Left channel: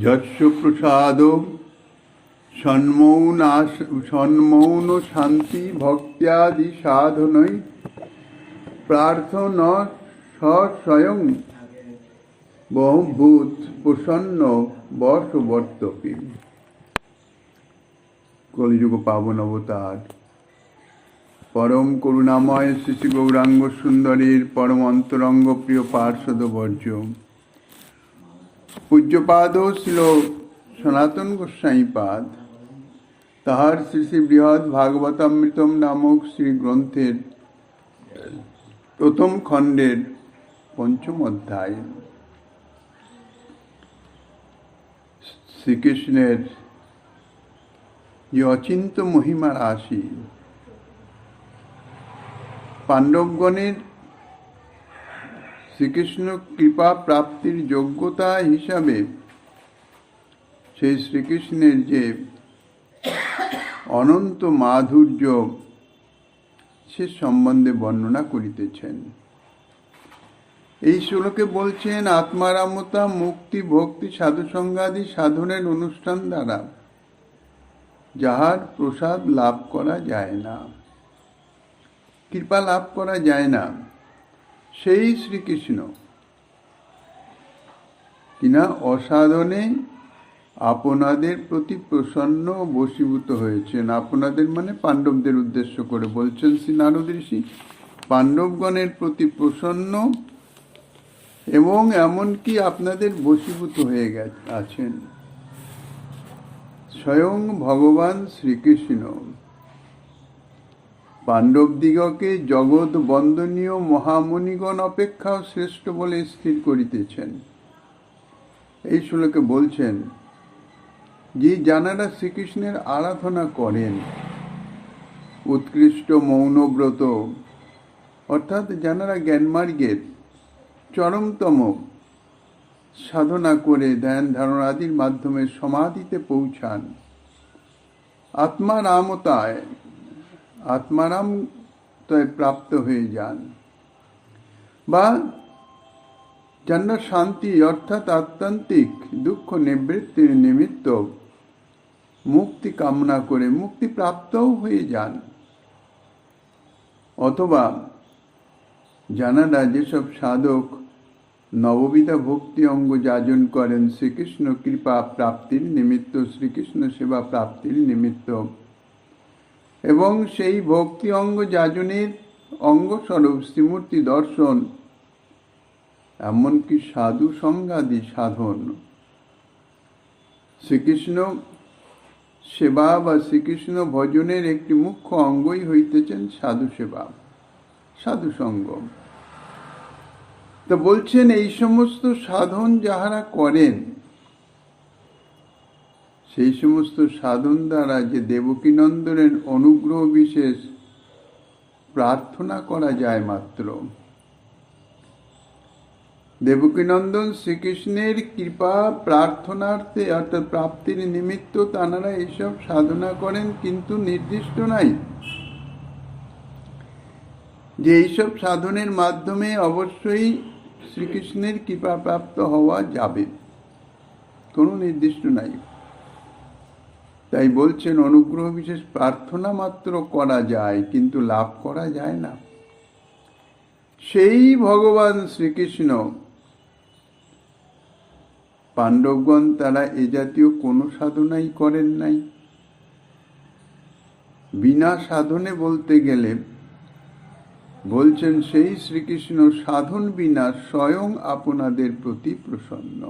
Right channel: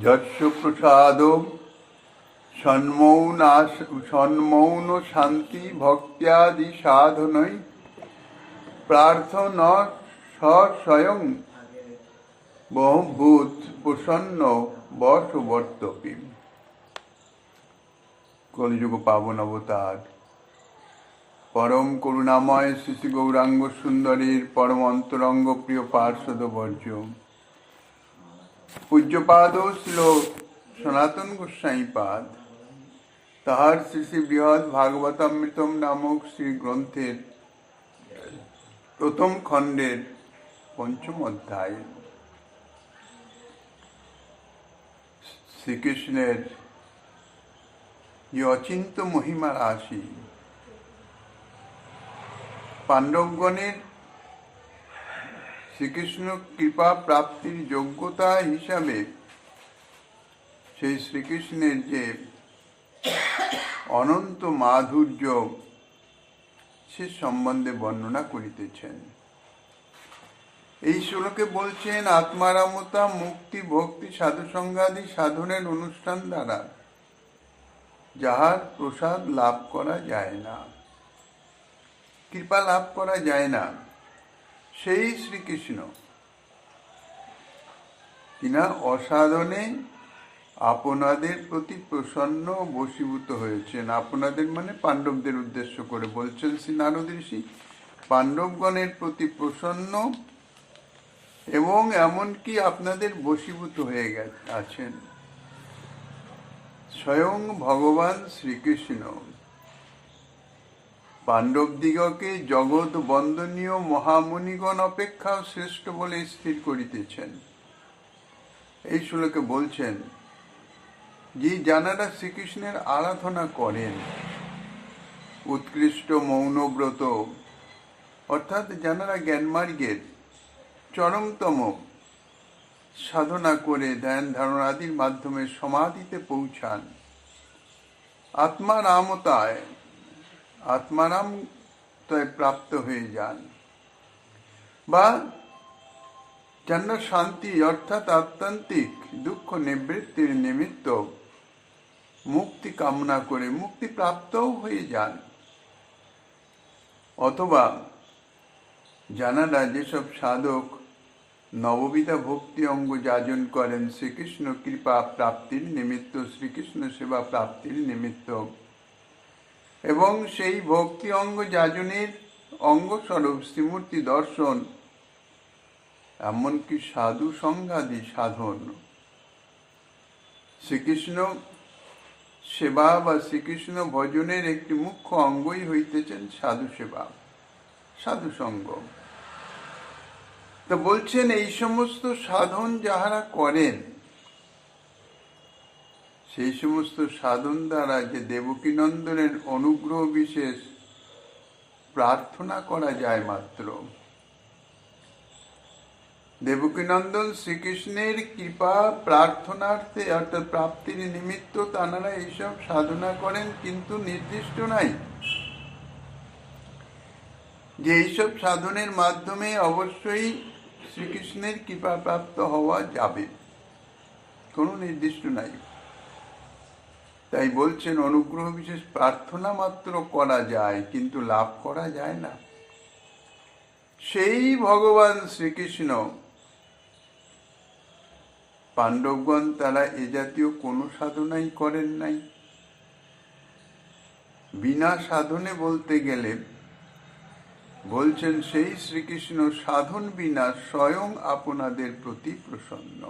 যস্য প্রসাদ সন্মৌন শান্তি ভক্ত্যাদি সাধনৈ প্রার্থনা স্বয়ং বহুভূত প্রসন্ন বর্ষবর্তপি। কলিযুগ পাবন অবতার পরম করুণাময় শ্রী শ্রী গৌরাঙ্গ সুন্দরীর পরম অন্তরঙ্গ প্রিয় পার্ষদ বর্জ্য পূজ্যপাদ ছিল সনাতন গোস্বামী পাদ, তাহার শ্রী শ্রী বৃহৎ ভাগবতামৃতম নামক শ্রী গ্রন্থের প্রথম খণ্ডের পঞ্চম অধ্যায় শ্রীকৃষ্ণের যে অচিন্ত মহিমা রাশি, পাণ্ডবগণের শ্রীকৃষ্ণ কৃপা প্রাপ্তির যোগ্যতা হিসাবে সেই শ্রীকৃষ্ণের যে অনন্ত মাধুর্য সে সম্বন্ধে বর্ণনা করিতেছেন। এই শ্লোকে বলছেন, আত্মারামতা মুক্তি ভক্তি সাধুসঙ্গাদি সাধনের অনুষ্ঠান দ্বারা যাহার প্রসাদ লাভ করা যায় না, কৃপা লাভ করা যায় না, সেই শ্রীকৃষ্ণ কিনা অসাধনে আপনাদের প্রতি প্রসন্ন বশীভূত হয়েছেন। আপনাদের মানে পাণ্ডবদের উদ্দেশ্য করে বলছেন শ্রী নারদ ঋষি, পাণ্ডবগণের প্রতি প্রসন্ন এবং এমনকি আপনাদের বশীভূত হয়ে আছেন। স্বয়ং ভগবান শ্রীকৃষ্ণ পাণ্ডবদিগকে জগৎ বন্দনীয় মহামুনিগণ অপেক্ষাও শ্রেষ্ঠ বলে স্থির করিতেছেন। এই শ্লোকে বলছেন যে যাঁরা শ্রীকৃষ্ণের আরাধনা করেন, উৎকৃষ্ট মৌনব্রত অর্থাৎ যাঁরা জ্ঞানমার্গের চরমতম সাধনা করে ধ্যান ধারণা আদির মাধ্যমে সমাধিতে পৌঁছান, আত্মারামতায় প্রাপ্ত হয়ে যান, বা যারা শান্তি অর্থাৎ আত্যন্তিক দুঃখ নিবৃত্তির নিমিত্ত মুক্তি কামনা করে মুক্তি প্রাপ্তও হয়ে যান, অথবা যারা যেসব সাধক নববিধা ভক্তি অঙ্গ যাজন করেন শ্রীকৃষ্ণ কৃপা প্রাপ্তির নিমিত্ত, শ্রীকৃষ্ণ সেবা প্রাপ্তির নিমিত্ত, এবং সেই ভক্তি অঙ্গ যাজনের অঙ্গস্বরূপ শ্রীমূর্তি দর্শন, এমনকি সাধু সঙ্গাদি সাধন, শ্রীকৃষ্ণ সেবা বা শ্রীকৃষ্ণ ভজনের একটি মুখ্য অঙ্গই হইতেছেন সাধু সেবা, সাধু সঙ্গ। তো বলছেন এই সমস্ত সাধন যাহারা করেন, সেই সমস্ত সাধন দ্বারা যে দেবকীনন্দনের অনুগ্রহ বিশেষ প্রার্থনা করা যায় মাত্র, দেবকীনন্দন শ্রীকৃষ্ণের কৃপা প্রার্থনার্থে অর্থাৎ প্রাপ্তির নিমিত্ত তাঁরা এইসব সাধনা করেন, কিন্তু নির্দিষ্ট নাই যে এইসব সাধনের মাধ্যমে অবশ্যই শ্রীকৃষ্ণের কৃপা প্রাপ্ত হওয়া যাবে, কোনো নির্দিষ্ট নাই। তাই বলছেন অনুগ্রহ বিশেষ প্রার্থনা মাত্র করা যায়, কিন্তু লাভ করা যায় না। সেই ভগবান শ্রীকৃষ্ণ পাণ্ডবগণ তারা এ জাতীয় কোনো সাধনাই করেন নাই। বিনা সাধনে বলতে গেলে বলছেন সেই শ্রীকৃষ্ণ সাধন বিনা স্বয়ং আপনাদের প্রতি প্রসন্ন।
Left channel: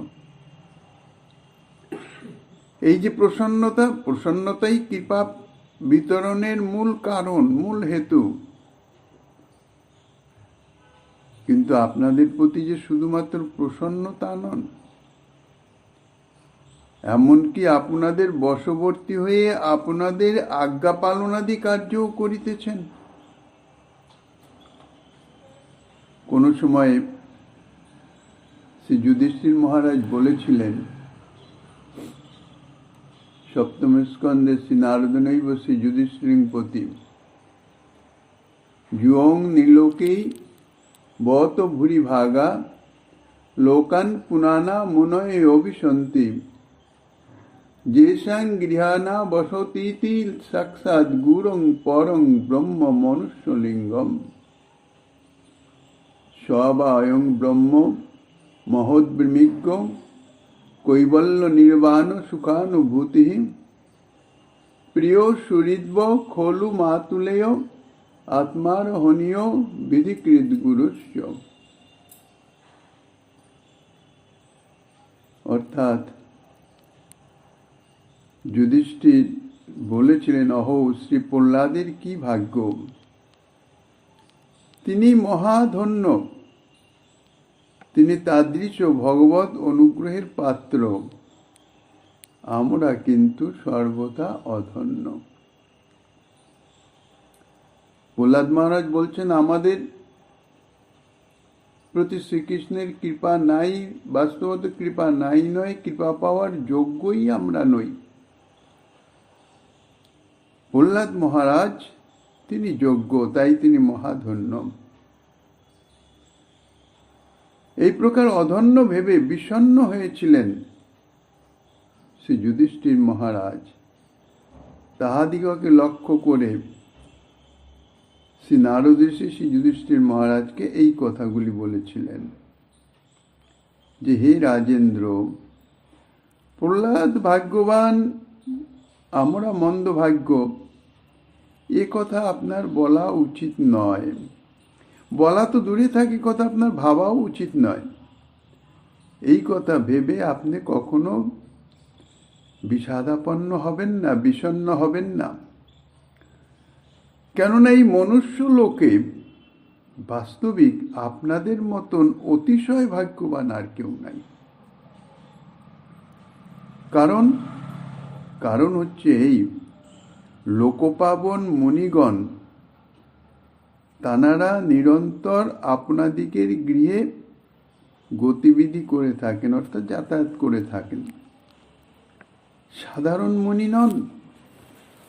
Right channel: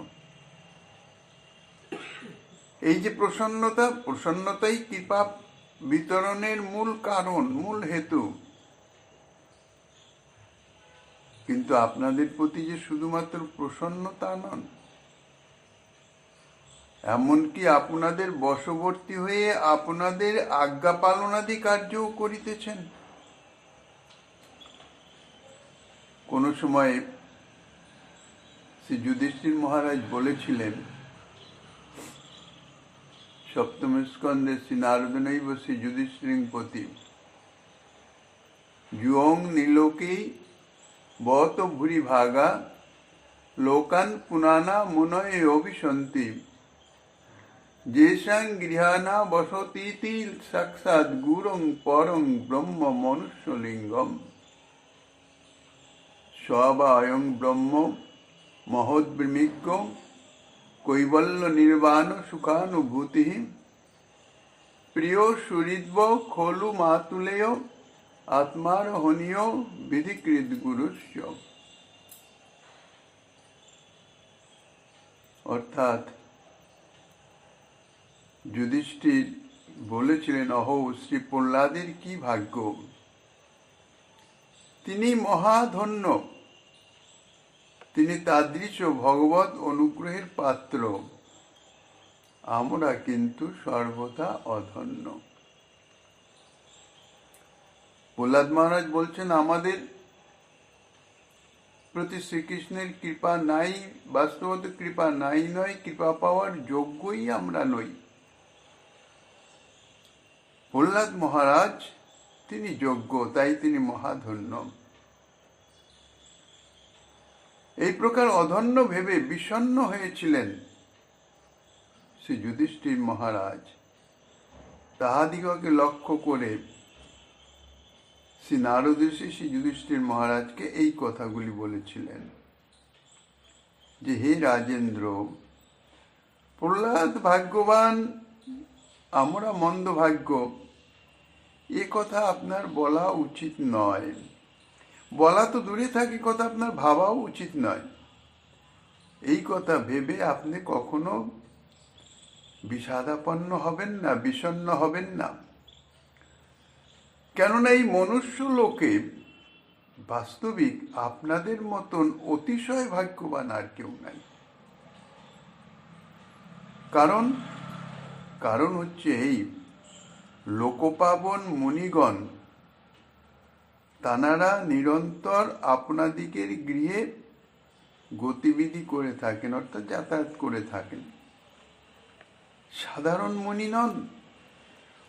এই যে প্রসন্নতাই কৃপা বিতরণের মূল কারণ, মূল হেতু। কিন্তু আপনাদের প্রতি যে শুধুমাত্র প্রসন্নতা নন, এমনকি আপনাদের বশবর্তী হয়ে আপনাদের আজ্ঞা পালনাদি কার্যও করিতেছেন। কোনো সময় শ্রী যুধিষ্ঠির মহারাজ বলেছিলেন, সপ্তম স্কন্ধে শ্রী নারদনৈব শ্রী যুধিষ্ঠির প্রতি যুয়ং নীলোকেই বত ভূরি ভাগা লোকান পুনানা মনয়ে অভিসন্তি যেষাং গৃহাণা বসতীতি সাক্ষাৎ গুরুং পরং ব্রহ্ম মনুষ্যলিঙ্গম স বা অয়ং ব্রহ্ম মহোদ্বিমিজ্ঞ কৈবল্য নির্বাণ সুখানুভূতি প্রিয় সুহৃদ্ব খলু মাতুলেয় আত্মারোহণীয় বিধিকৃত গুরুস্য। অর্থাৎ যুধিষ্ঠির বলেছিলেন, অহো শ্রী প্রহ্লাদের কি ভাগ্য, তিনি মহাধন্য, তিনি তাদৃশ ভগবত অনুগ্রহের পাত্র, আমরা কিন্তু সর্বদা অধন্য। প্রহ্লাদ মহারাজ বলছেন, আমাদের প্রতি শ্রীকৃষ্ণের কৃপা নাই, বাস্তবত কৃপা নাই নয়, কৃপা পাওয়ার যোগ্যই আমরা নই। প্রহ্লাদ মহারাজ তিনি যোগ্য, তাই তিনি মহাধন্য। এই প্রকার অধন্য ভেবে বিষণ্ণ হয়েছিলেন শ্রী যুধিষ্ঠির মহারাজ। তাহাদিগকে লক্ষ্য করে শ্রী নারদ ঋষি শ্রী যুধিষ্ঠির মহারাজকে এই কথাগুলি বলেছিলেন যে, হে রাজেন্দ্র, প্রহ্লাদ ভাগ্যবান, আমরা মন্দভাগ্য, এ কথা আপনার বলা উচিত নয়। বলা তো দূরে থাকি, কথা আপনার ভাবাও উচিত নয়। এই কথা ভেবে আপনি কখনো বিষাদাপন্ন হবেন না, বিষণ্ণ হবেন না। কেননা এই মনুষ্য লোকে বাস্তবিক আপনাদের মতন অতিশয় ভাগ্যবান আর কেউ নাই। কারণ হচ্ছে এই লোকপাবন মুনিগণ, তানারা নিরন্তর আপনাদিগের গৃহে গতিবিধি করে থাকেন, অর্থাৎ যাতায়াত করে থাকেন। সাধারণ মুনি নন,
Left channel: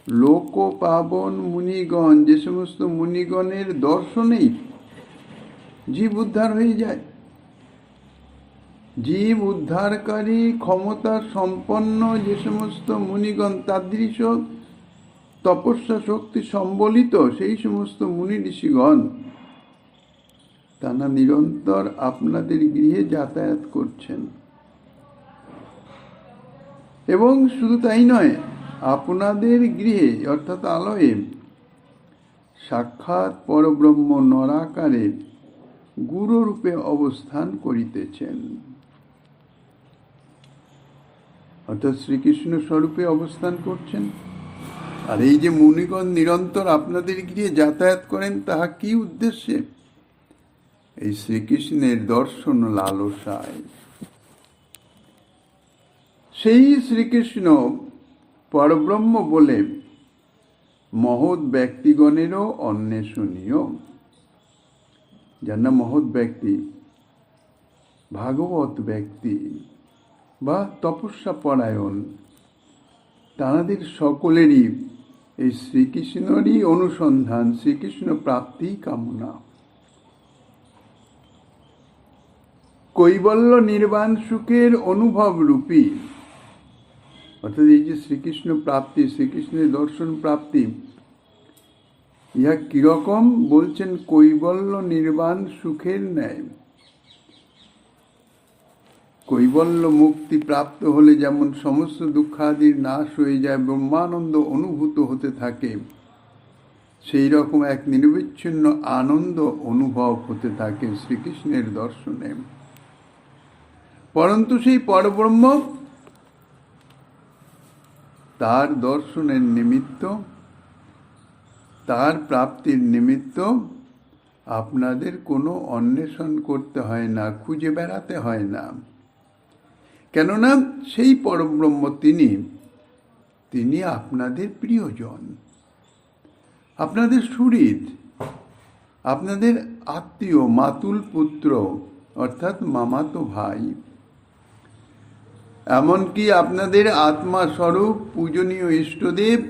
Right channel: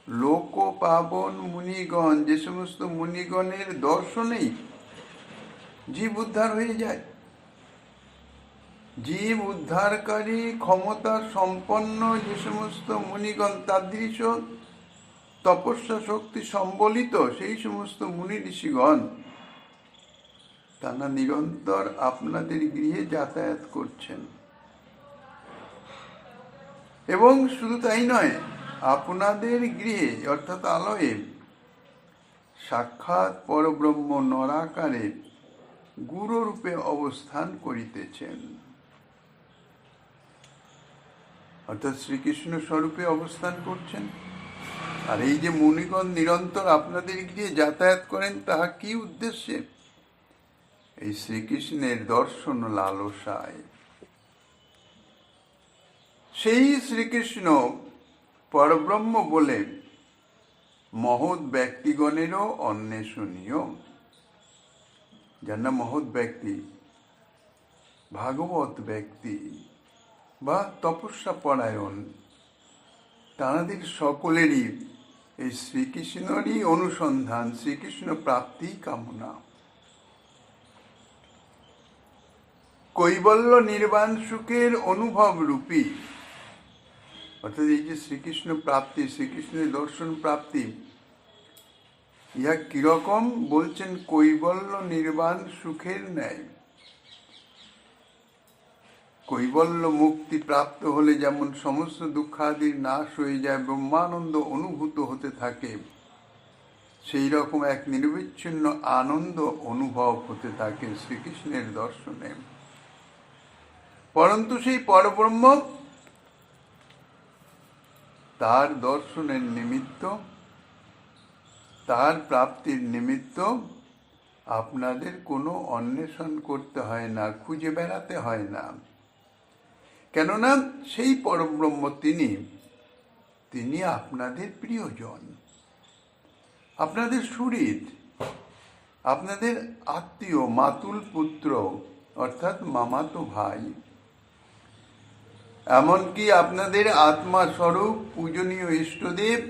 লোকপাবন মুনিগণ, যে সমস্ত মুনিগণের দর্শনেই জীব উদ্ধার হয়ে যায়। জীব উদ্ধারকারী ক্ষমতা সম্পন্ন যে সমস্ত মুনিগণ, তাদৃশ তপস্যা শক্তি সম্বলিত সেই সমস্ত মুনি ঋষিগণ, তারা নিরন্তর আপনাদের গৃহে যাতায়াত করছেন। এবং শুধু তাই নয়, আপনাদের গৃহে অর্থাৎ আলয়ে সাক্ষাৎ পরব্রহ্ম নরাকারে গুরুরূপে অবস্থান করিতেছেন, অর্থাৎ শ্রীকৃষ্ণ স্বরূপে অবস্থান করছেন। আর এই যে মুনিগণ নিরন্তর আপনাদের গৃহে যাতায়াত করেন, তাহা কি উদ্দেশ্যে? এই শ্রীকৃষ্ণের দর্শন লালসায়। সেই শ্রীকৃষ্ণ পরব্রহ্ম বলে মহৎ ব্যক্তিগণেরও অন্বেষণীয়। যার নাম মহৎ ব্যক্তি, ভাগবত ব্যক্তি বা তপস্যা পরায়ণ, তাঁদের সকলেরই এই শ্রীকৃষ্ণেরই অনুসন্ধান, শ্রীকৃষ্ণ প্রাপ্তি কামনা। কৈবল্য নির্বাণ সুখের অনুভব রূপী, অর্থাৎ এই যে শ্রীকৃষ্ণ প্রাপ্তি, শ্রীকৃষ্ণের দর্শন প্রাপ্তি, ইহা কিরকম বলছেন? কৈবল্য নির্বাণ সুখের ন্যায়। কৈবল্য মুক্তি প্রাপ্ত হলে যেমন সমস্ত দুঃখাদির নাশ হয়ে যায়, ব্রহ্মানন্দ অনুভূত হতে থাকে, সেই রকম এক নিরবিচ্ছিন্ন আনন্দ অনুভব হতে থাকে শ্রীকৃষ্ণের দর্শনে। পরন্তু সেই পরব্রহ্ম তার দর্শনের নিমিত্ত, তার প্রাপ্তির নিমিত্ত আপনাদের কোনো অন্বেষণ করতে হয় না, খুঁজে বেড়াতে হয় না। কেননা সেই পরব্রহ্ম তিনি আপনাদের প্রিয়জন, আপনাদের সুহৃদ, আপনাদের আত্মীয়, মাতুল পুত্র অর্থাৎ মামাতো ভাই, এমনকি আপনাদের আত্মাস্বরূপ পূজনীয় ইষ্টদেব,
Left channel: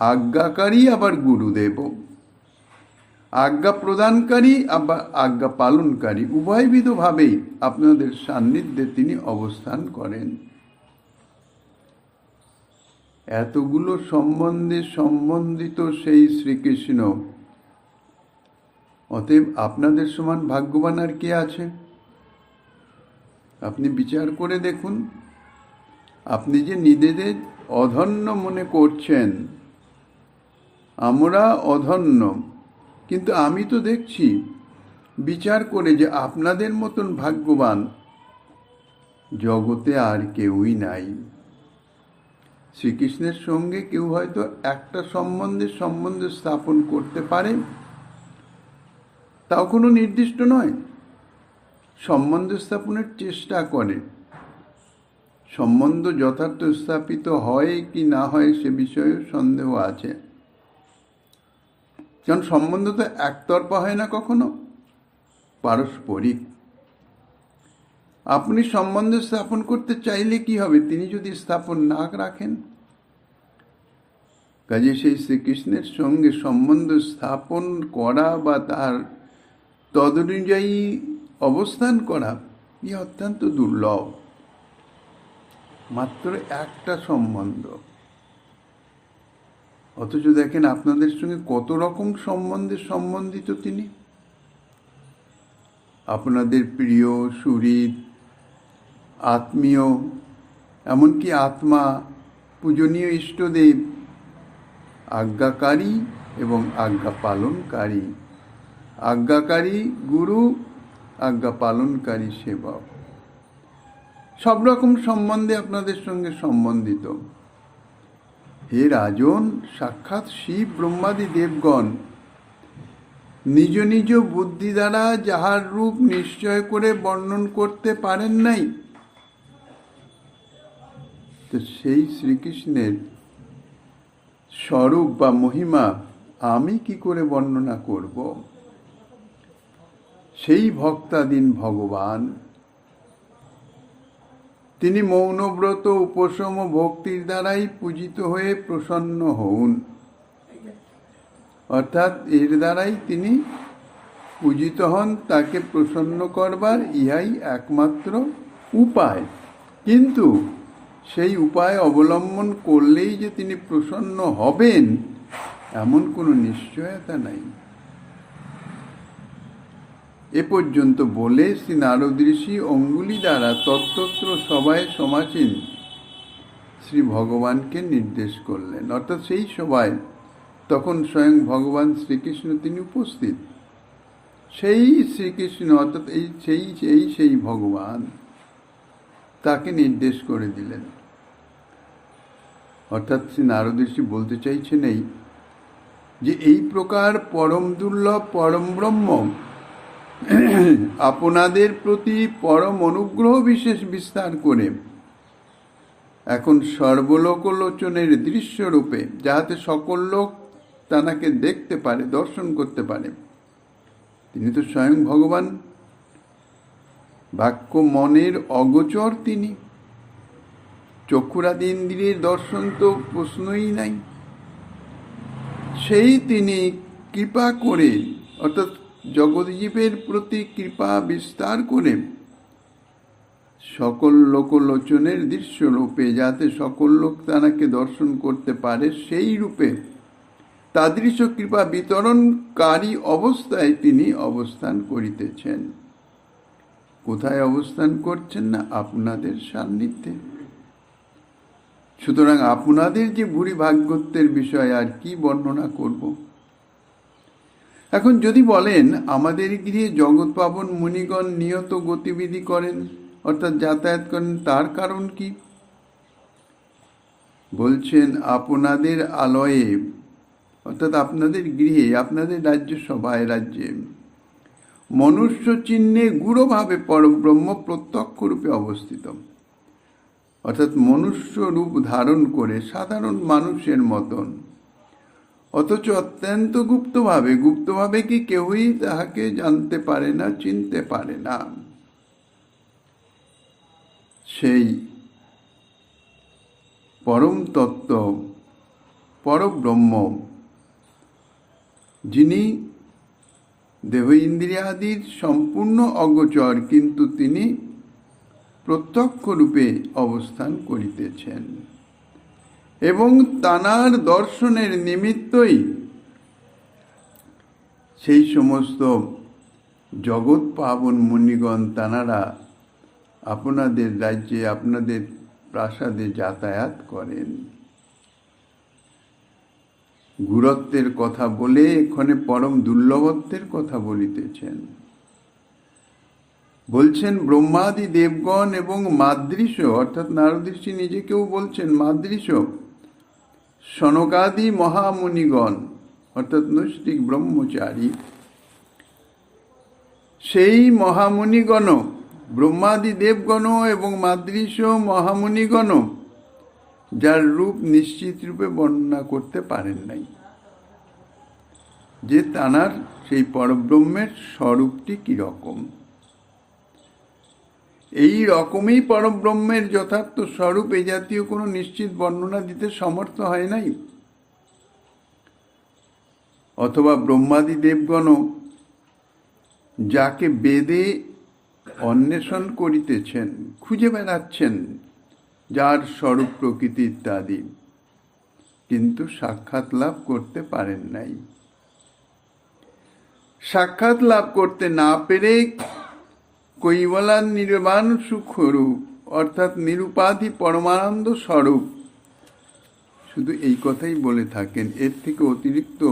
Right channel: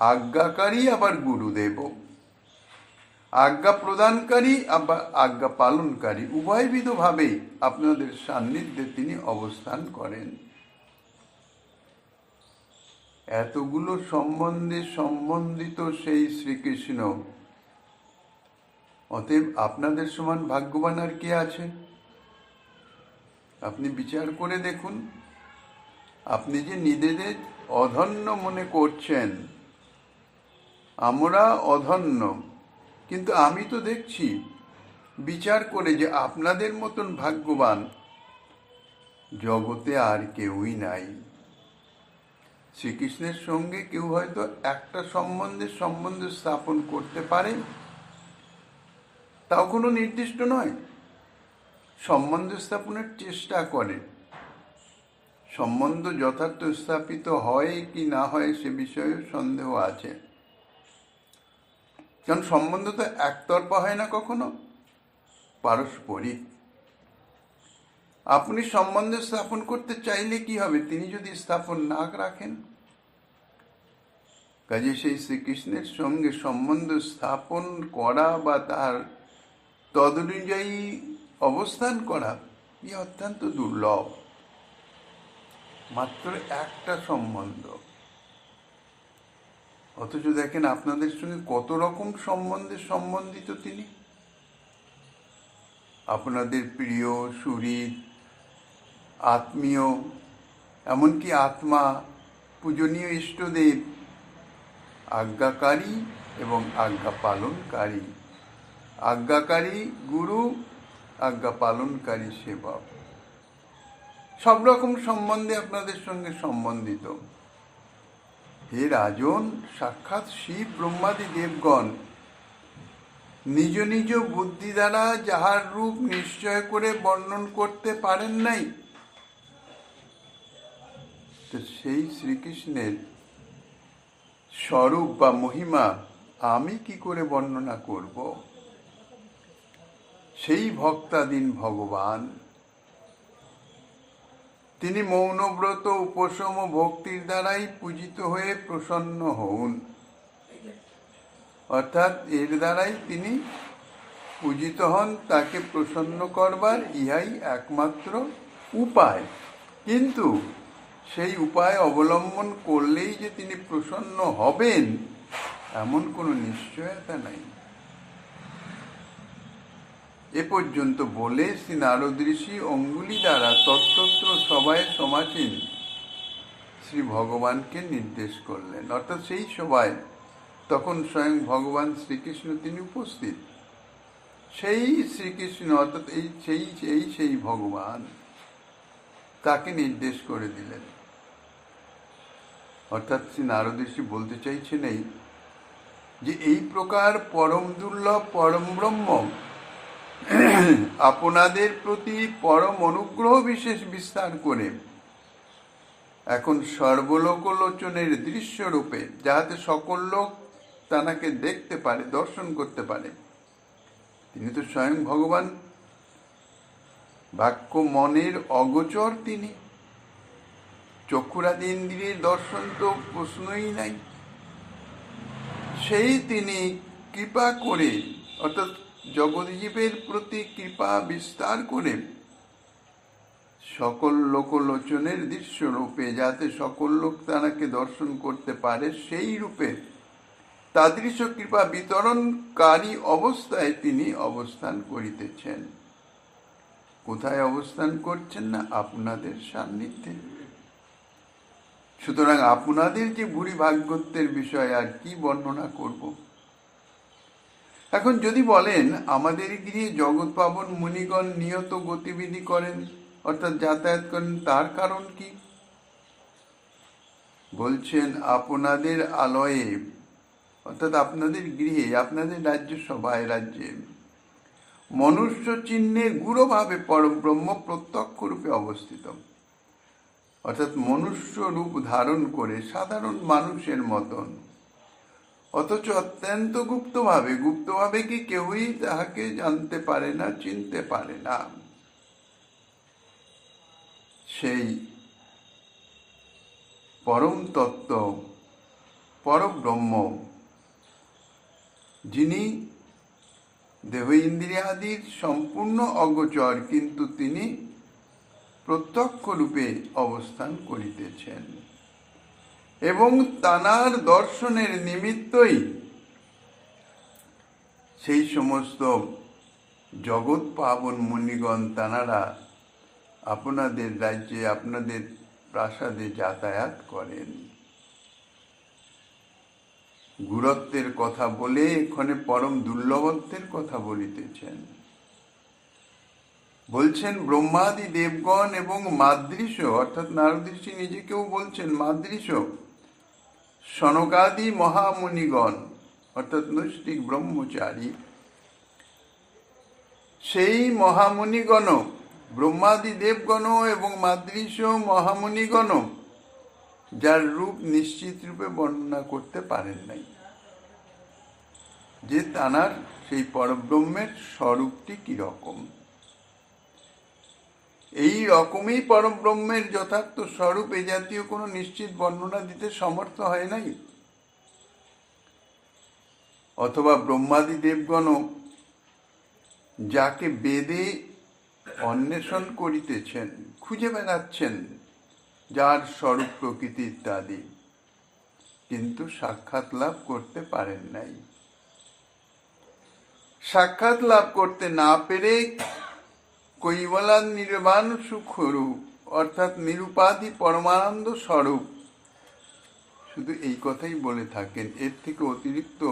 আজ্ঞাকারী আবার গুরুদেব, আজ্ঞা প্রদানকারী আবার আজ্ঞা পালনকারী, উভয়বিধভাবেই আপনাদের সান্নিধ্যে তিনি অবস্থান করেন। এতগুলো সম্বন্ধে সম্বন্ধিত সেই শ্রীকৃষ্ণ, অতএব আপনাদের সমান ভাগ্যবান আর কে আছে? আপনি বিচার করে দেখুন। আপনি যে নিজেদের অধন্য মনে করছেন, আমরা অধন্য, কিন্তু আমি তো দেখছি বিচার করে যে আপনাদের মতন ভাগ্যবান জগতে আর কেউই নাই। শ্রীকৃষ্ণের সঙ্গে কেউ হয়তো একটা সম্বন্ধ স্থাপন করতে পারে, তাও কোনো নির্দিষ্ট নয়। সম্বন্ধ স্থাপনের চেষ্টা করে। সম্বন্ধ যথার্থ স্থাপিত হয় কি না হয় সে বিষয়ে সন্দেহ আছে, কারণ সম্বন্ধ তো একতরফা হয় না, কখনো পারস্পরিক। আপনি সম্বন্ধ স্থাপন করতে চাইলে কি হবে, তিনি যদি স্থাপন না রাখেন? কাজে সেই শ্রীকৃষ্ণের সঙ্গে সম্বন্ধ স্থাপন করা বা তার তদনুযায়ী অবস্থান করা অত্যন্ত দুর্লভ। মাত্র একটা সম্বন্ধ, অথচ দেখেন আপনাদের সঙ্গে কত রকম সম্বন্ধে সম্বন্ধিত তিনি। আপনাদের প্রিয়, সুহৃদ, আত্মীয়, এমনকি আত্মা, পূজনীয় ইষ্টদেব, আজ্ঞাকারী এবং আজ্ঞা পালনকারী, আজ্ঞাকারী গুরু, আজ্ঞা পালনকারী সেবক, সব রকম সম্বন্ধে আপনাদের সঙ্গে সম্বন্ধিত। হে রাজন, সাক্ষাৎ শিব ব্রহ্মাদি দেবগণ নিজ নিজ বুদ্ধি দ্বারা যাহার রূপ নিশ্চয় করে বর্ণন করতে পারেন নাই, তো সেই শ্রীকৃষ্ণের স্বরূপ বা মহিমা আমি কি করে বর্ণনা করব? সেই ভক্তাধীন ভগবান, তিনি মৌনব্রত, উপশম, ভক্তির দ্বারাই পূজিত হয়ে প্রসন্ন হউন। অর্থাৎ এর দ্বারাই তিনি পূজিত হন, তাকে প্রসন্ন করবার ইহাই একমাত্র উপায়। কিন্তু সেই উপায় অবলম্বন করলেই যে তিনি প্রসন্ন হবেন এমন কোনো নিশ্চয়তা নাই। এ পর্যন্ত বলে শ্রী নারদ ঋষি অঙ্গুলি দ্বারা তত্ত্বত্র সভায় সমাসীন শ্রী ভগবানকে নির্দেশ করলেন। অর্থাৎ সেই সভায় তখন স্বয়ং ভগবান শ্রীকৃষ্ণ তিনি উপস্থিত। সেই শ্রীকৃষ্ণ অর্থাৎ সেই ভগবান তাকে নির্দেশ করে দিলেন। অর্থাৎ শ্রী নারদ ঋষি বলতে চাইছেন এই যে এই প্রকার পরম দুর্লভ পরম ব্রহ্ম আপনাদের প্রতি পরম অনুগ্রহ বিশেষ বিস্তার করে এখন সর্বলোকলোচনের দৃশ্যরূপে, যাহাতে সকল লোক তাঁকে দেখতে পারে, দর্শন করতে পারে। তিনি তো স্বয়ং ভগবান, বাক্য মনের অগোচর তিনি, চক্ষুরাদি ইন্দ্রিয়ের দর্শন তো প্রশ্নই নাই। সেই তিনি কৃপা করে, অর্থাৎ জগৎজীবের প্রতি কৃপা বিস্তার করে সকল লোকলোচনের দৃশ্য রূপে, যাতে সকল লোক তাঁকে দর্শন করতে পারে, সেই রূপে তাদৃশ কৃপা বিতরণকারী অবস্থায় তিনি অবস্থান করিতেছেন। কোথায় অবস্থান করছেন না? আপনাদের সান্নিধ্যে। সুতরাং আপনাদের যে ভূরি ভাগ্যত্বের বিষয় আর কি বর্ণনা করব। এখন যদি বলেন আমাদের গৃহে জগৎ পাবন মুনিগণ নিয়ত গতিবিধি করেন, অর্থাৎ যাতায়াত করেন, তার কারণ কি? বলছেন আপনাদের আলয়ে, অর্থাৎ আপনাদের গৃহে, আপনাদের রাজ্যসভায়, রাজ্যে মনুষ্য চিহ্নে গূঢ়ভাবে পরব্রহ্ম প্রত্যক্ষ রূপে অবস্থিত। অর্থাৎ মনুষ্য রূপ ধারণ করে সাধারণ মানুষের মতন, অথচ অত্যন্ত গুপ্তভাবে কি কেউই তাহাকে জানতে পারে না, চিনতে পারে না। সেই পরম তত্ত্ব পরব্রহ্ম, যিনি দেহ ইন্দ্রিয়াদির সম্পূর্ণ অগোচর, কিন্তু তিনি প্রত্যক্ষ রূপে অবস্থান করিতেছেন। এবং তানার দর্শনের নিমিত্তই সেই সমস্ত জগৎ পাবন মুনিগণ তানারা আপনাদের রাজ্যে, আপনাদের প্রাসাদে যাতায়াত করেন। গুরত্বের কথা বলে এখানে পরম দুর্লভত্বের কথা বলিতেছেন। বলছেন ব্রহ্মাদি দেবগণ এবং মাদৃশ, অর্থাৎ নারদ ঋষি নিজেকেও বলছেন মাদৃশ, সনকাদি মহামুনিগণ অর্থাৎ নৈষ্ঠিক ব্রহ্মচারী, সেই মহামুনিগণ, ব্রহ্মাদি দেবগণ এবং মাদৃশ মহামুনিগণ যার রূপ নিশ্চিত রূপে বর্ণনা করতে পারেন নাই, যে তানার সেই পরব্রহ্মের স্বরূপটি কিরকম। এই রকমই পরব্রহ্মের যথার্থ স্বরূপ এ জাতীয় কোনো নিশ্চিত বর্ণনা দিতে সমর্থ হয় নাই। অথবা ব্রহ্মাদি দেবগণ যাকে বেদে অন্বেষণ করিতেছেন, খুঁজে বেড়াচ্ছেন, যার স্বরূপ প্রকৃতি ইত্যাদি, কিন্তু সাক্ষাৎ লাভ করতে পারেন নাই। সাক্ষাৎ লাভ করতে না পেরে কৈবলা নির্বাণ সুখরূপ অর্থাৎ নিরুপাধি পরমানন্দ স্বরূপ শুধু এই কথাই বলে থাকেন। এর থেকে অতিরিক্ত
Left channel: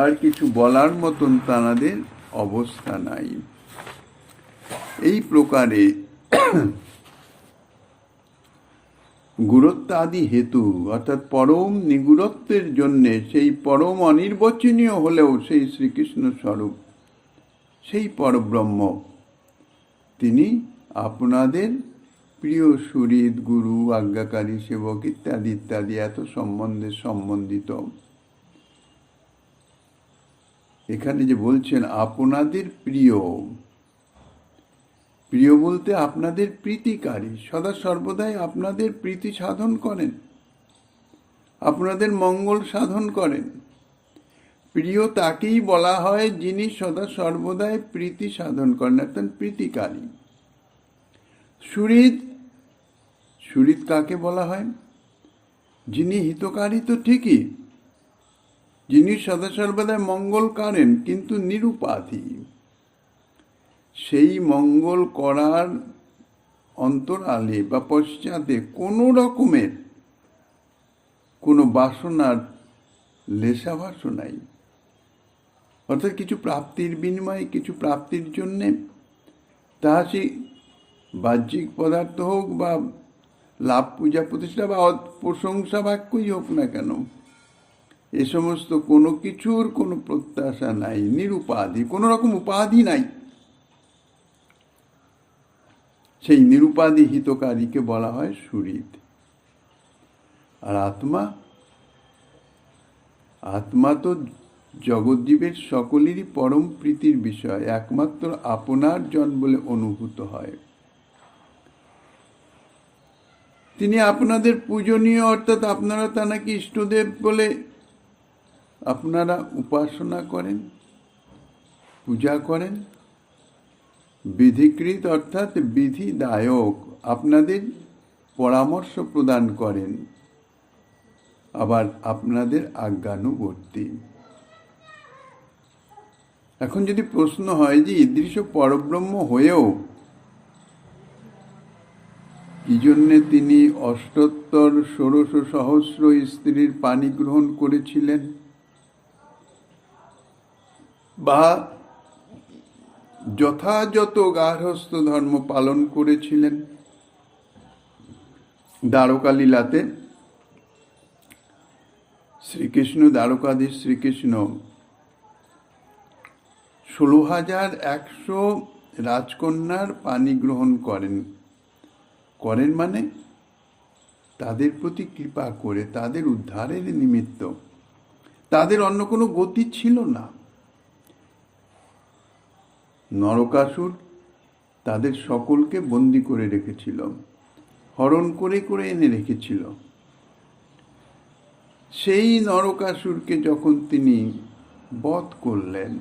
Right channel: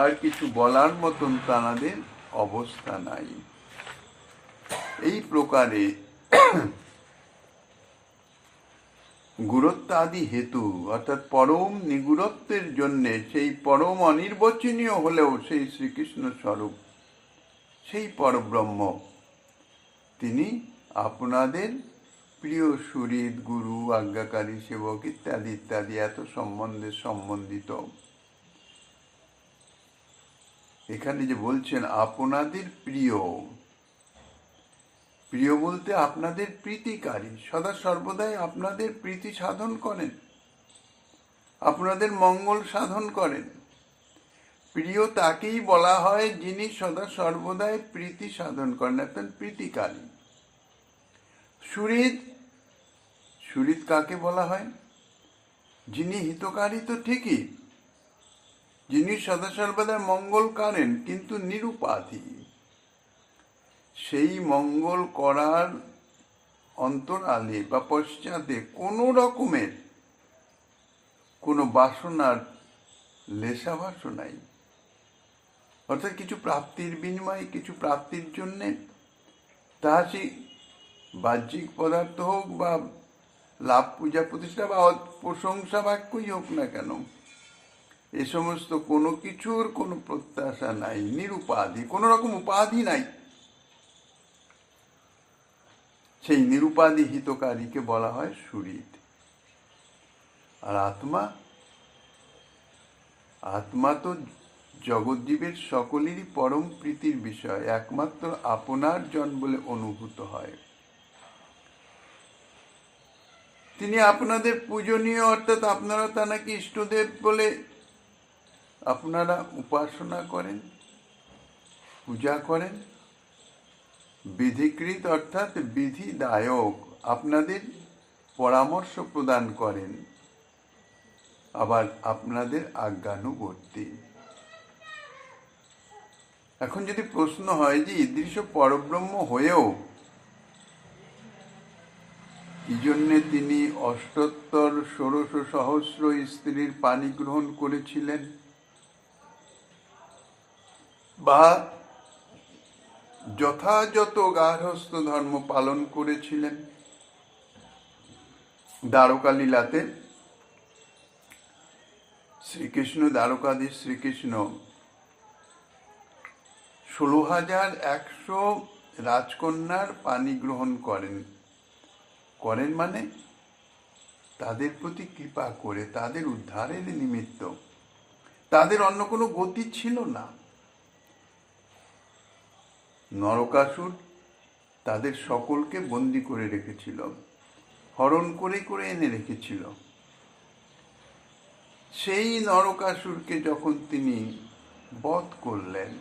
আর কিছু বলার মতন তাঁদের অবস্থা নাই। এই প্রকারে গুরুত্বাদি হেতু অর্থাৎ পরম নিগুরত্বের জন্যে, সেই পরম অনির্বচনীয় হলেও সেই শ্রীকৃষ্ণ স্বরূপ, সেই পরব্রহ্ম, তিনি আপনাদের প্রিয় সুহৃদ, গুরু, আজ্ঞাকারী, সেবক ইত্যাদি ইত্যাদি এত সম্বন্ধে সম্বন্ধিত। এখানে যে বলছেন আপনাদের প্রিয়, প্রিয় বলতে আপনাদের প্রীতিকারী, সদা সর্বদাই আপনাদের প্রীতি সাধন করেন, আপনাদের মঙ্গল সাধন করেন। প্রিয় তাকেই বলা হয় যিনি সদা সর্বদাই প্রীতি সাধন করেন, অর্থাৎ প্রীতিকারী। সুহৃদ, সুহৃদ কাকে বলা হয়? যিনি হিতকারী তো ঠিকই, যিনি সদা সর্বদা মঙ্গল করেন, কিন্তু নিরুপাধি। সেই মঙ্গল করার অন্তরালে বা পশ্চাতে কোনো রকমের কোনো বাসনার লেশাভাস নাই। অর্থাৎ কিছু প্রাপ্তির বিনিময়ে, কিছু প্রাপ্তির জন্যে, তাহা সেই বাহ্যিক পদার্থ হোক বা লাভ, পূজা প্রতিষ্ঠা বা প্রশংসা বাক্যই হোক না কেন, এ সমস্ত কোনো কিছুর কোনো প্রত্যাশা নাই, নিরুপাধি, কোনো রকম উপাধি নাই। সেই নিরুপাধি হিতকারীকে বলা হয় সুহৃদ। আর আত্মা, আত্মা তো জগৎজীবের সকলেরই পরম প্রীতির বিষয়, একমাত্র আপনার জন বলে অনুভূত হয়। তিনি আপনাদের পূজনীয়, অর্থাৎ আপনারা তাঁকে ইষ্টদেব বলে আপনারা উপাসনা করেন, পূজা করেন। বিধিকৃত অর্থাৎ বিধিদায়ক, আপনাদের পরামর্শ প্রদান করেন, আবার আপনাদের আজ্ঞানুবর্তী। এখন যদি প্রশ্ন হয় যে ঈদৃশ পরব্রহ্ম হয়েও কি জন্যে তিনি ৭৮,১৬,০০ স্ত্রীর পানি গ্রহণ করেছিলেন, বা যথাযথ গার্হস্থ্য ধর্ম পালন করেছিলেন। দ্বারকা লীলাতে শ্রীকৃষ্ণ, দ্বারকাধীশ শ্রীকৃষ্ণ ১৬,১০০ রাজকন্যার পানি গ্রহণ করেন। করেন মানে তাদের প্রতি কৃপা করে, তাদের উদ্ধারের নিমিত্ত। তাদের অন্য কোনো গতি ছিল না। নরকাসুর তাদের সকলকে বন্দি করে রেখেছিল, হরণ করে করে এনে রেখেছিল। সেই নরকাসুরকে যখন তিনি বধ করলেন,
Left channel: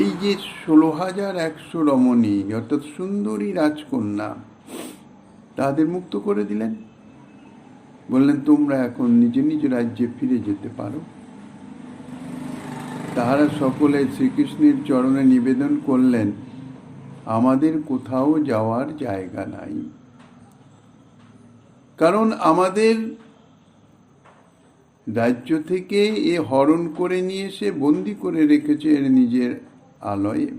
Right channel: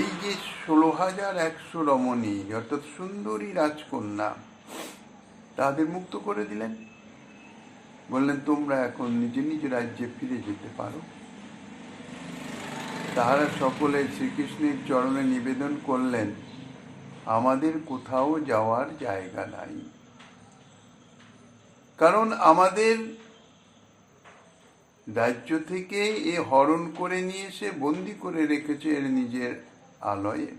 এই যে ১৬,১০০ রমণী অর্থাৎ সুন্দরী রাজকন্যা, তাদের মুক্ত করে দিলেন, বললেন তোমরা এখন নিজ নিজ রাজ্যে ফিরে যেতে পারো। তাহারা সকলে শ্রীকৃষ্ণের চরণে নিবেদন করলেন, আমাদের কোথাও যাওয়ার জায়গা নাই, কারণ আমাদের রাজ্য থেকে এ হরণ করে নিয়ে এসে বন্দি করে রেখেছে এর নিজের আলয়ে।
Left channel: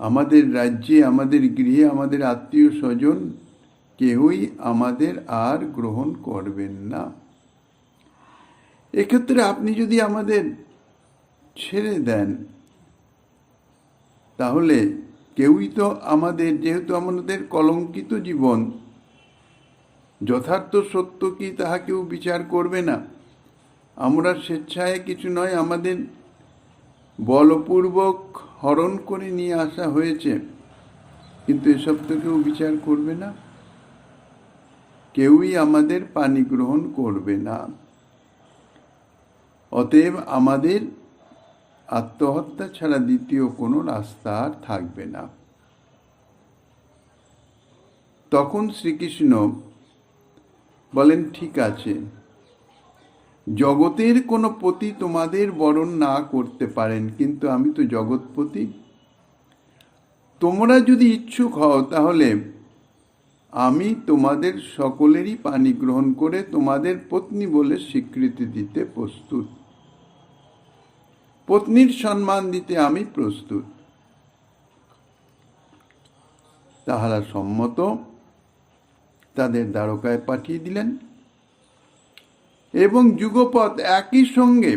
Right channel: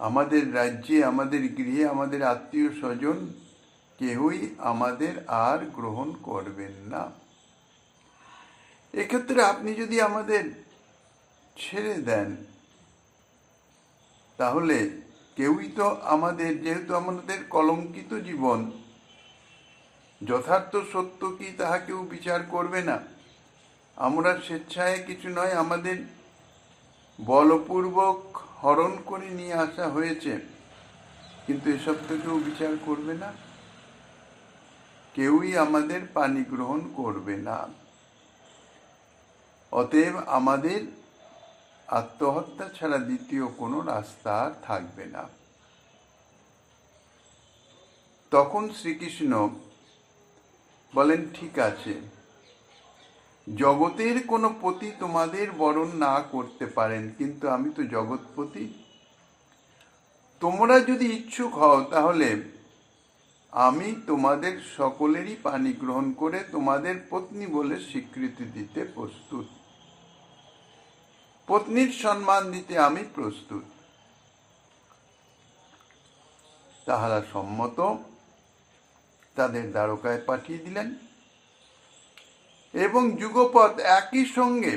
আমাদের রাজ্যে, আমাদের গৃহে, আমাদের আত্মীয় স্বজন কেউই আমাদের আর গ্রহণ করবেন না। এক্ষেত্রে আপনি যদি আমাদের ছেড়ে দেন, তাহলে কেউই তো আমাদের, যেহেতু আমাদের কলঙ্কিত জীবন, যথার্থ সত্য কি তাহা কেউ বিচার করবে না। আমরা স্বেচ্ছায় কিছু নয়, আমাদের বলপূর্বক হরণ করে নিয়ে আসা হয়েছে, কিন্তু এসব তো কেউ বিচার করবে না, কেউই আমাদের পানি গ্রহণ করবে না। অতএব আমাদের আত্মহত্যা ছাড়া দ্বিতীয় কোনো রাস্তা আর থাকবে না। তখন শ্রীকৃষ্ণ বলেন, ঠিক আছে, জগতের কোনো পতি তোমাদের বরণ না করতে পারেন, কিন্তু আমি তো জগৎপতি। তোমরা যদি ইচ্ছুক হও তাহলে আমি তোমাদের সকলেরই পানি গ্রহণ করে তোমাদের পত্নী বলে স্বীকৃতি দিতে প্রস্তুত, পত্নীর সম্মান দিতে আমি প্রস্তুত। তাহারা সম্মত, তাদের দ্বারকায় পাঠিয়ে দিলেন এবং যুগপৎ একই সঙ্গে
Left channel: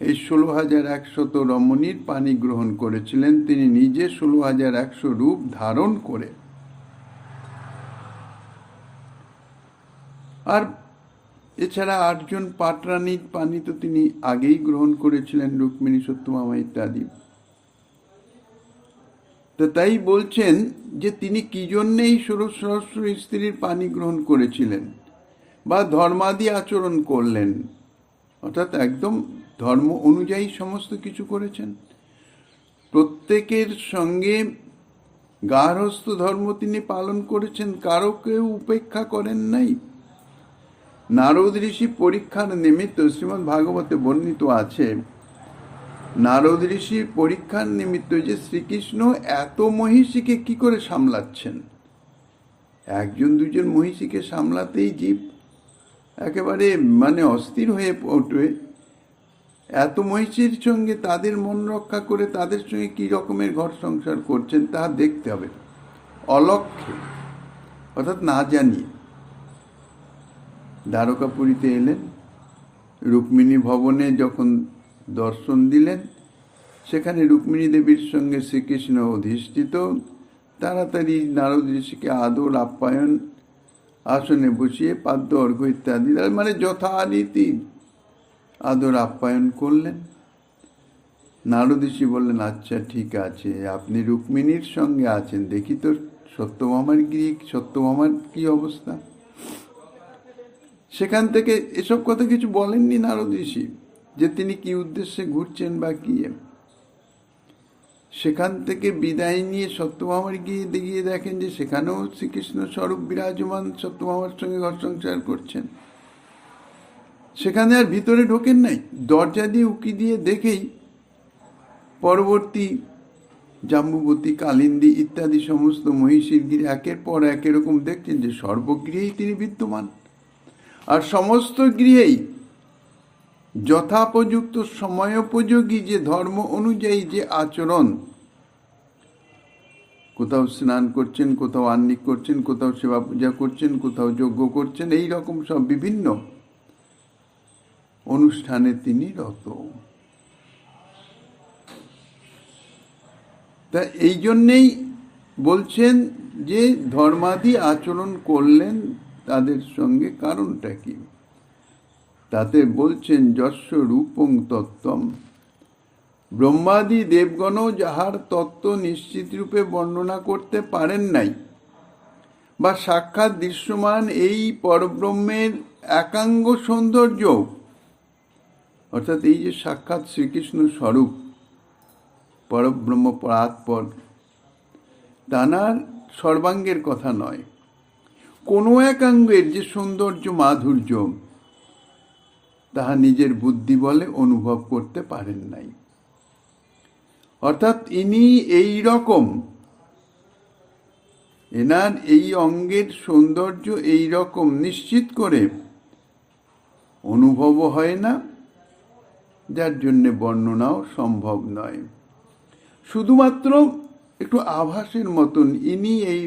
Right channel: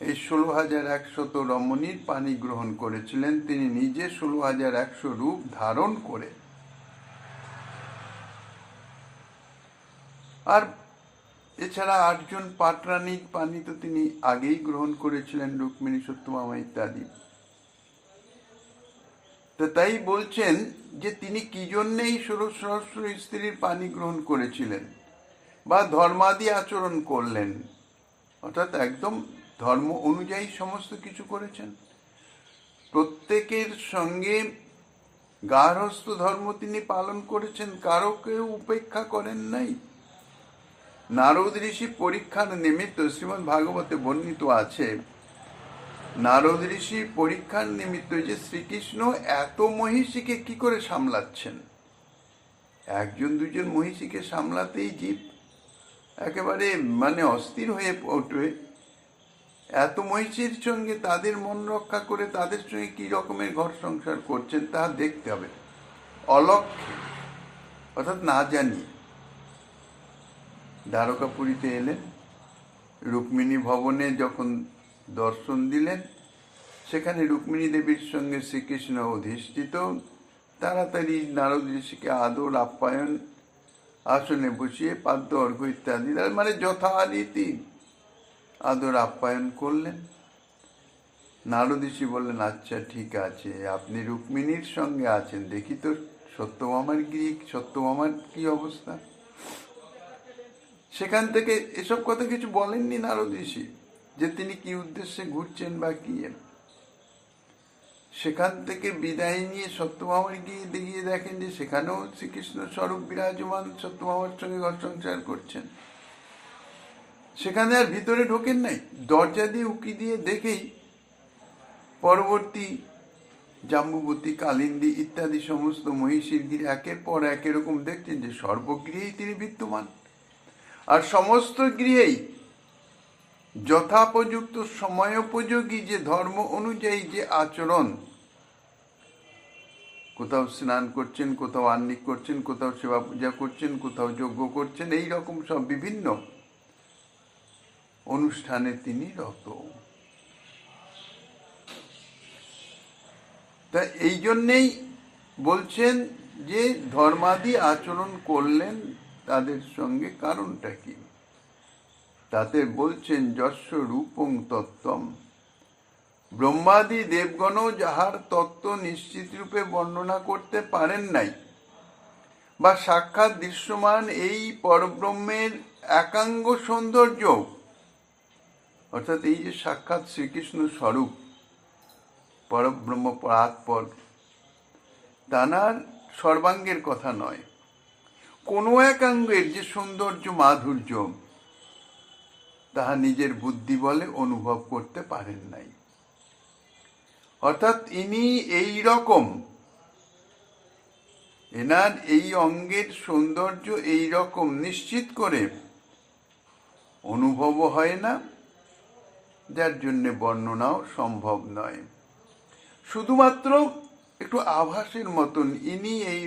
এই 16,100 রমণীর পানি গ্রহণ করেছিলেন তিনি নিজে 16,100 রূপ ধারণ করে। আর এছাড়া 8 জন পাটরানীর পানি তো তিনি আগেই গ্রহণ করেছিলেন, রুক্মিণী, সত্যভামা ইত্যাদি। তো তাই বলছেন যে তিনি কি জন্যে এই 16 সহস্র স্ত্রীর পানি গ্রহণ করেছিলেন বা ধর্মাদি আচরণ করলেন, অর্থাৎ একদম ধর্ম অনুযায়ী সমস্ত কিছু করেছেন। প্রত্যেকের সঙ্গে গার্হস্থ ধর্ম তিনি পালন করেছেন, কারো কেউ উপেক্ষা করেন নাই। নারদ ঋষি পরীক্ষার নিমিত্ত, শ্রীমদ্ ভাগবতে বর্ণিত আছে, নারদ ঋষি পরীক্ষার নিমিত্ত যে শ্রীকৃষ্ণ এত মহিষীকে কি করে সামলাচ্ছেন, 1 2 মহিষীকে সামলাতেই জীব একেবারে অস্থির হয়ে ওঠে। এত মহিষীর সঙ্গে তাদের মন রক্ষা করে তাদের সঙ্গে কি রকমের ঘর সংসার করছেন তা দেখতে হবে, অলক্ষ্যে, অর্থাৎ না জানি। দ্বারকাপুরীতে এলেন, রুক্মিণী ভবনে যখন দর্শন দিলেন, সেখানে রুক্মিণী দেবীর সঙ্গে শ্রীকৃষ্ণ অধিষ্ঠিত। তাড়াতাড়ি নারদ ঋষিকে আদর আপ্যায়ন, আসনে বসিয়ে পাদ্য অর্ঘ্য ইত্যাদি যথারীতি আদর আপ্যায়ন করলেন। নারদ ঋষি বললেন, আচ্ছা ঠিক আছে, আপনি রুক্মিণীর সঙ্গে আছেন, দেখি তো সত্যভামার কি অবস্থা। সেখান থেকে এসব কথা কিছু বলেননি নারদ ঋষি, যে তিনি কি উদ্দেশ্যে ঘুরছেন বা কি। সেখান থেকে বিদায় নিয়ে সত্যভামার গিয়ে দেখেন যে সেখানেও শ্রীকৃষ্ণ স্বরূপ বিরাজমান, সত্যভামার সঙ্গে ঘর সংসার করছেন। সেখানে আর ভিতরে ঢোকেন নাই, দরজা দিয়ে উকি দিয়ে দেখেই পরবর্তী জাম্বুবতী, কালিন্দী ইত্যাদি সমস্ত মহিষীর গিরি একের পর এক এরকম দেখছেন যে সর্বগৃহেই তিনি বিদ্যমান। আর সমস্ত গৃহেই যথাপযুক্ত সময়োপযোগী যে ধর্ম অনুযায়ী যে আচরণ, কোথাও স্নান করছেন, কোথাও আহ্নিক করছেন, কোথাও সেবা পূজা করছেন, কোথাও যজ্ঞ করছেন, এই রকম সব বিভিন্ন অনুষ্ঠানে তিনি রত। তা এই জন্যেই বলছেন যে ধর্মাদি আচরণ করলেন তাদের সঙ্গে, কারণটা কি? তাতে বলছেন, যস্য রূপং তত্ত্বম, ব্রহ্মাদি দেবগণও যাহার তত্ত্ব নিশ্চিত রূপে বর্ণনা করতে পারেন নাই, বা সাক্ষাৎ দৃশ্যমান এই পরব্রহ্মের একাঙ্গ সৌন্দর্য, অর্থাৎ এই যে সাক্ষাৎ শ্রীকৃষ্ণ স্বরূপ পরব্রহ্ম পরাৎপর, তানার সর্বাঙ্গের কথা নয়, কোনো এক অঙ্গের যে সৌন্দর্য মাধুর্য তাহা নিজের বুদ্ধি বলে অনুভব করতে পারেন নাই। অর্থাৎ ইনি এই রকম, এনার এই অঙ্গের সৌন্দর্য এই রকম নিশ্চিত করে অনুভবও হয় না, যার জন্য বর্ণনাও সম্ভব নয়। শুধুমাত্র একটু আভাসের মতন ইনি এই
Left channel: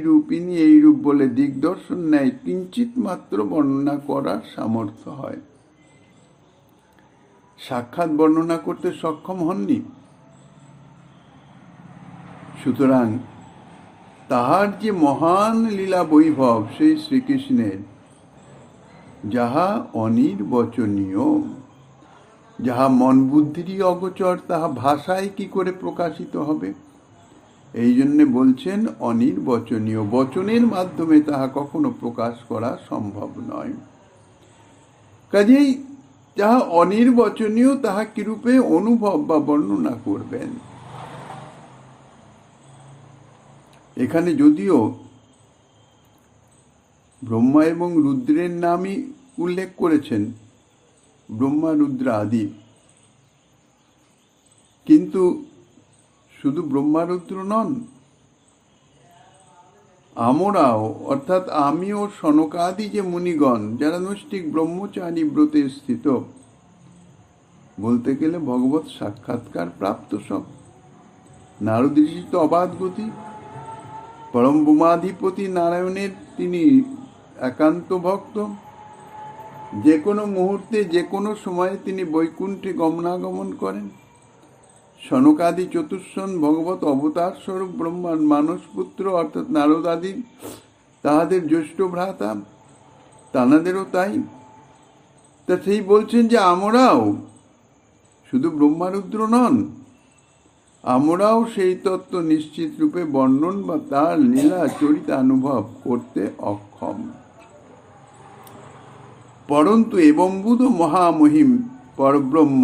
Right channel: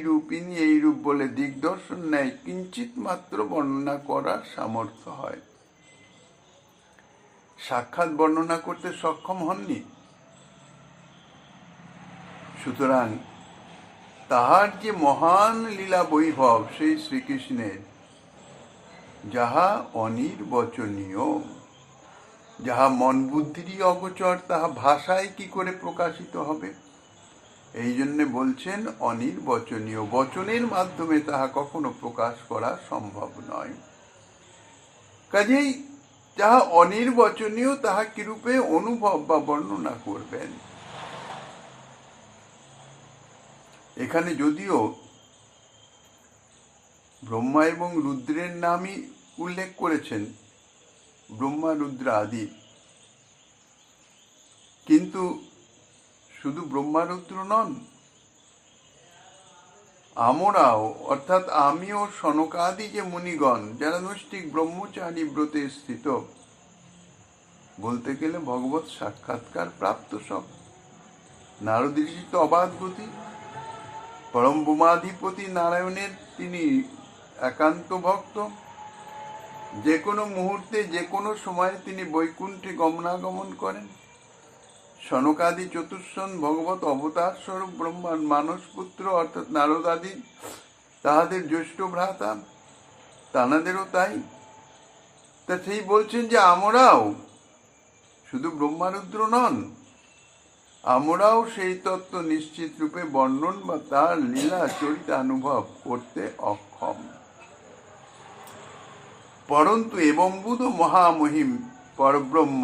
রূপ বলে দিগদর্শন নেয়, কিঞ্চিত মাত্র বর্ণনা করার সামর্থ্য হয়। সাক্ষাৎ বর্ণনা করতে সক্ষম হননি। সুতরাং তাহার যে মহান লীলা বৈভব সেই শ্রীকৃষ্ণের, যাহা অনির্বচনীয়, যাহা মন বুদ্ধিরই অগোচর, তাহা ভাষায় কি করে প্রকাশিত হবে? এই জন্য বলছেন অনির্বচনীয়, বচনের মাধ্যমে তাহা কখনো প্রকাশ করা সম্ভব নয়। কাজেই যাহা অনির্বচনীয় তাহা কিরূপে অনুভব বা বর্ণনা করবেন? এখানে যদিও ব্রহ্মা এবং রুদ্রের নামই উল্লেখ করেছেন, ব্রহ্মা রুদ্র আদি, কিন্তু শুধু ব্রহ্মা রুদ্র নন, আমরাও, অর্থাৎ আমি ও সনকাদি যে মুনিগণ যারা নৈষ্ঠিক ব্রহ্মচারী ব্রতে স্থিত, বলতে গেলে ভগবত সাক্ষাৎকার প্রাপ্ত সব। নারদ ঋষি তো অবাধ গতি, পরম বোমাধিপতি নারায়ণের তিনি একান্ত ভক্ত, যে কোনো মুহূর্তে যে কোনো সময়ে তিনি বৈকুণ্ঠে গমনাগমন করেন। সনকাদি চতুর্শন ভগবত অবতার স্বরূপ ব্রহ্মার মানসপুত্র অর্থাৎ নারদ আদি, তাহাদের জ্যেষ্ঠ ভ্রাতা, তানাদেরও তাই। তা সেই বলছেন যে আমরাও শুধু ব্রহ্মারুদ্র নন, আমরাও সেই তত্ত্ব নিশ্চিত রূপে বর্ণন বা তার লীলা চরিতানুভব করতে অক্ষম। পরন্তু এবম্বুধ মহামহিম পরব্রহ্ম,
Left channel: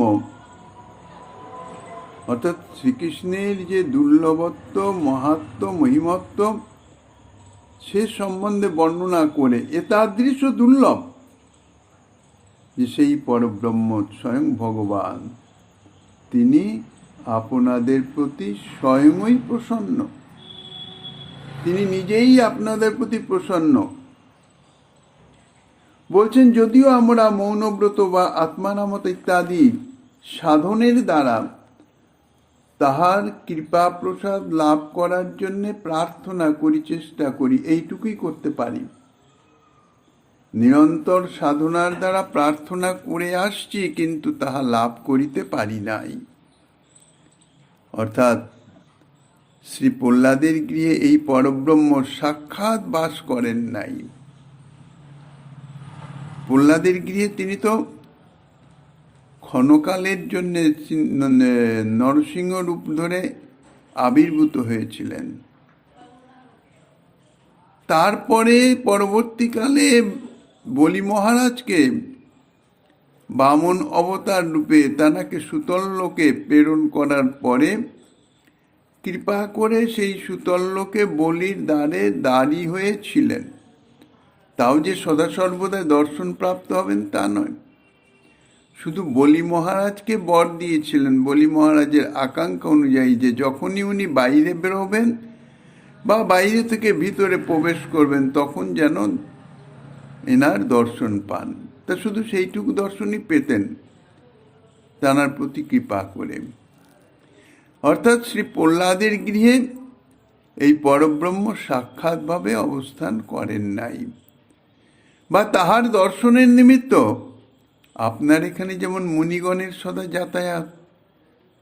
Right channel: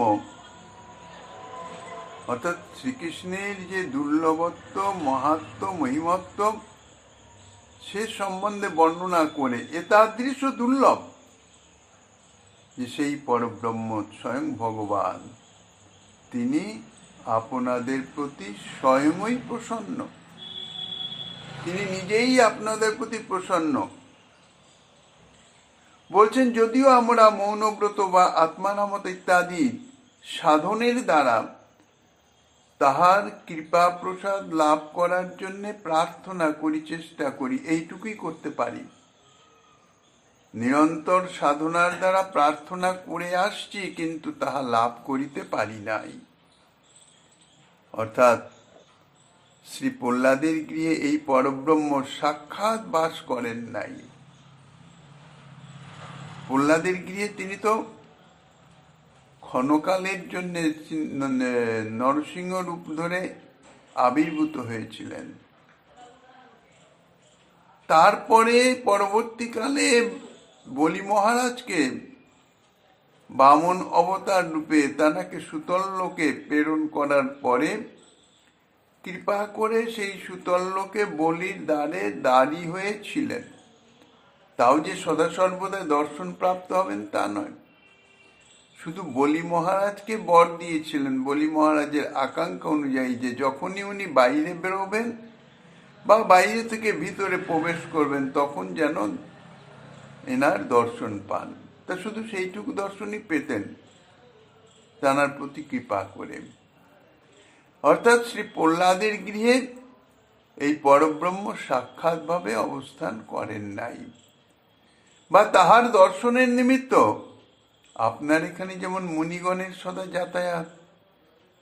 অর্থাৎ শ্রীকৃষ্ণের যে দুর্লভত্ব, মাহাত্ম্য, মহিমত্ব, সে সম্বন্ধে বর্ণনা করে এতাদৃশ দুর্লভ যে সেই পরব্রহ্ম স্বয়ং ভগবান, তিনি আপনাদের প্রতি স্বয়ংই প্রসন্ন, তিনি নিজেই আপনাদের প্রতি প্রসন্ন। বলছেন যদিও আমরা মৌনব্রত বা আত্মানামত ইত্যাদি সাধনের দ্বারা তাহার কৃপা প্রসাদ লাভ করার জন্য প্রার্থনা করি, চেষ্টা করি, এইটুকুই করতে পারি। নিরন্তর সাধনার দ্বারা প্রার্থনা করে আসছি, কিন্তু তাহা লাভ করিতে পারি নাই। অর্থাৎ শ্রী প্রহ্লাদের গৃহে এই পরব্রহ্ম সাক্ষাৎ বাস করেন নাই। প্রহ্লাদের গৃহে তিনি তো ক্ষণকালের জন্য নরসিংহ রূপ ধরে আবির্ভূত হয়েছিলেন। তারপরে পরবর্তীকালে বলি মহারাজকে বামন অবতার রূপে তানাকে সুতল লোকে প্রেরণ করার পরে কৃপা করে সেই সুতল লোকে বলির দ্বারে দাঁড়ি হয়েছিলেন। তাও যে সদা সর্বদা দর্শন প্রাপ্ত হবেন তা নয়, শুধু বলি মহারাজকে বর দিয়েছিলেন, বলি মহারাজের আকাঙ্ক্ষা অনুযায়ী, যে যখনই উনি বাইরে বেরোবেন বা বাইরে থেকে ভিতরে প্রবেশ করবেন তখন যেন এনার দর্শন পান। তা শুধু সেইটুকু দর্শনই পেতেন তানার প্রতি কৃপা করে। অর্থাৎ শ্রী প্রহ্লাদের গৃহে এই পরব্রহ্ম সাক্ষাৎভাবে অবস্থান করেন নাই, বা তাহার দর্শনের নিমিত্ত আপনার এখানে যেমন মুনিগণের সদা যাতায়াত,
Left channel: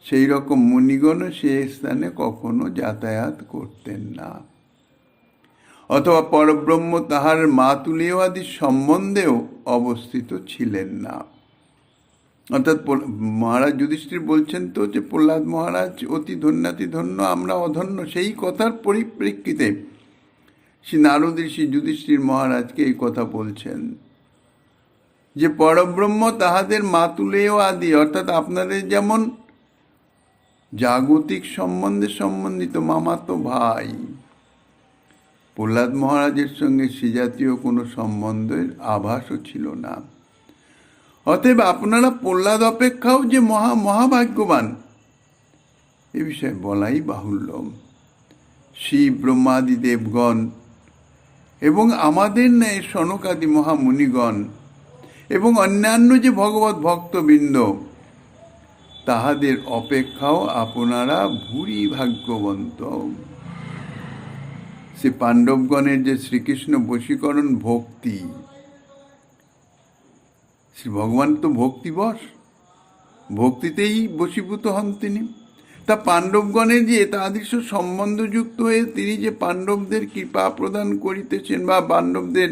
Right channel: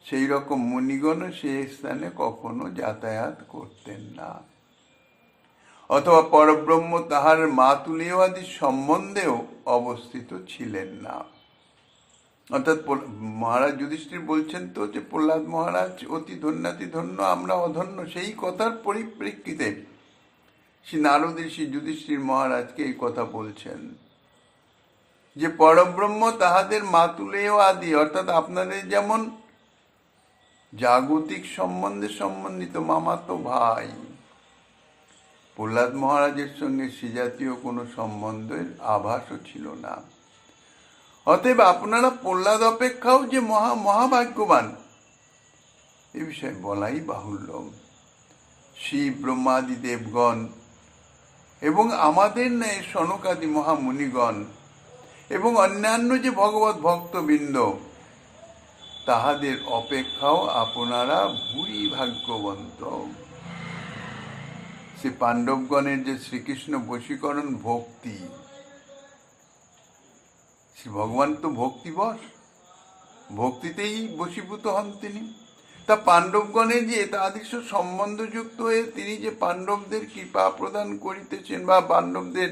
সেই রকম মুনিগণও সে স্থানে কখনো যাতায়াত করতেন না। অথবা পরব্রহ্ম তাহার মাতুলীয় আদি সম্বন্ধেও অবস্থিত ছিলেন না। অর্থাৎ মহারাজ যুধিষ্ঠির বলছেন তো যে প্রহ্লাদ মহারাজ অতি ধন্যাতি ধন্য, আমরা অধন্য। সেই কথার পরিপ্রেক্ষিতে শ্রী নারদ ঋষি যুধিষ্ঠির মহারাজকে এই কথা বলছেন যে পরব্রহ্ম তাহাদের মাতুলেয় আদি, অর্থাৎ আপনাদের যেমন জাগতিক সম্বন্ধে সম্বন্ধিত মামাতো ভাই, প্রহ্লাদ মহারাজের সঙ্গে সে জাতীয় কোনো সম্বন্ধের আভাসও ছিল না। অতএব আপনারা প্রহ্লাদ অপেক্ষাও যে মহাভাগ্যবান এ বিষয়ে বলাই বাহুল্য। শিব ব্রহ্মাদি দেবগণ এবং আমাদের ন্যায় সনকাদি মহামুনিগণ এবং অন্যান্য যে ভগবত ভক্তবৃন্দ তাহাদের অপেক্ষাও আপনারা ভূরি ভাগ্যবন্ত। সে পাণ্ডবগণের যে শ্রীকৃষ্ণ বশীকরণ ভক্তি, শ্রী ভগবান তো ভক্তিবশ, ভক্তিতেই বশীভূত হন তিনি। তা পাণ্ডবগণের যে এতাদৃশ সম্বন্ধযুক্ত হয়ে তিনি যে পাণ্ডবদের কৃপা প্রদান করিতেছেন বা পাণ্ডবদের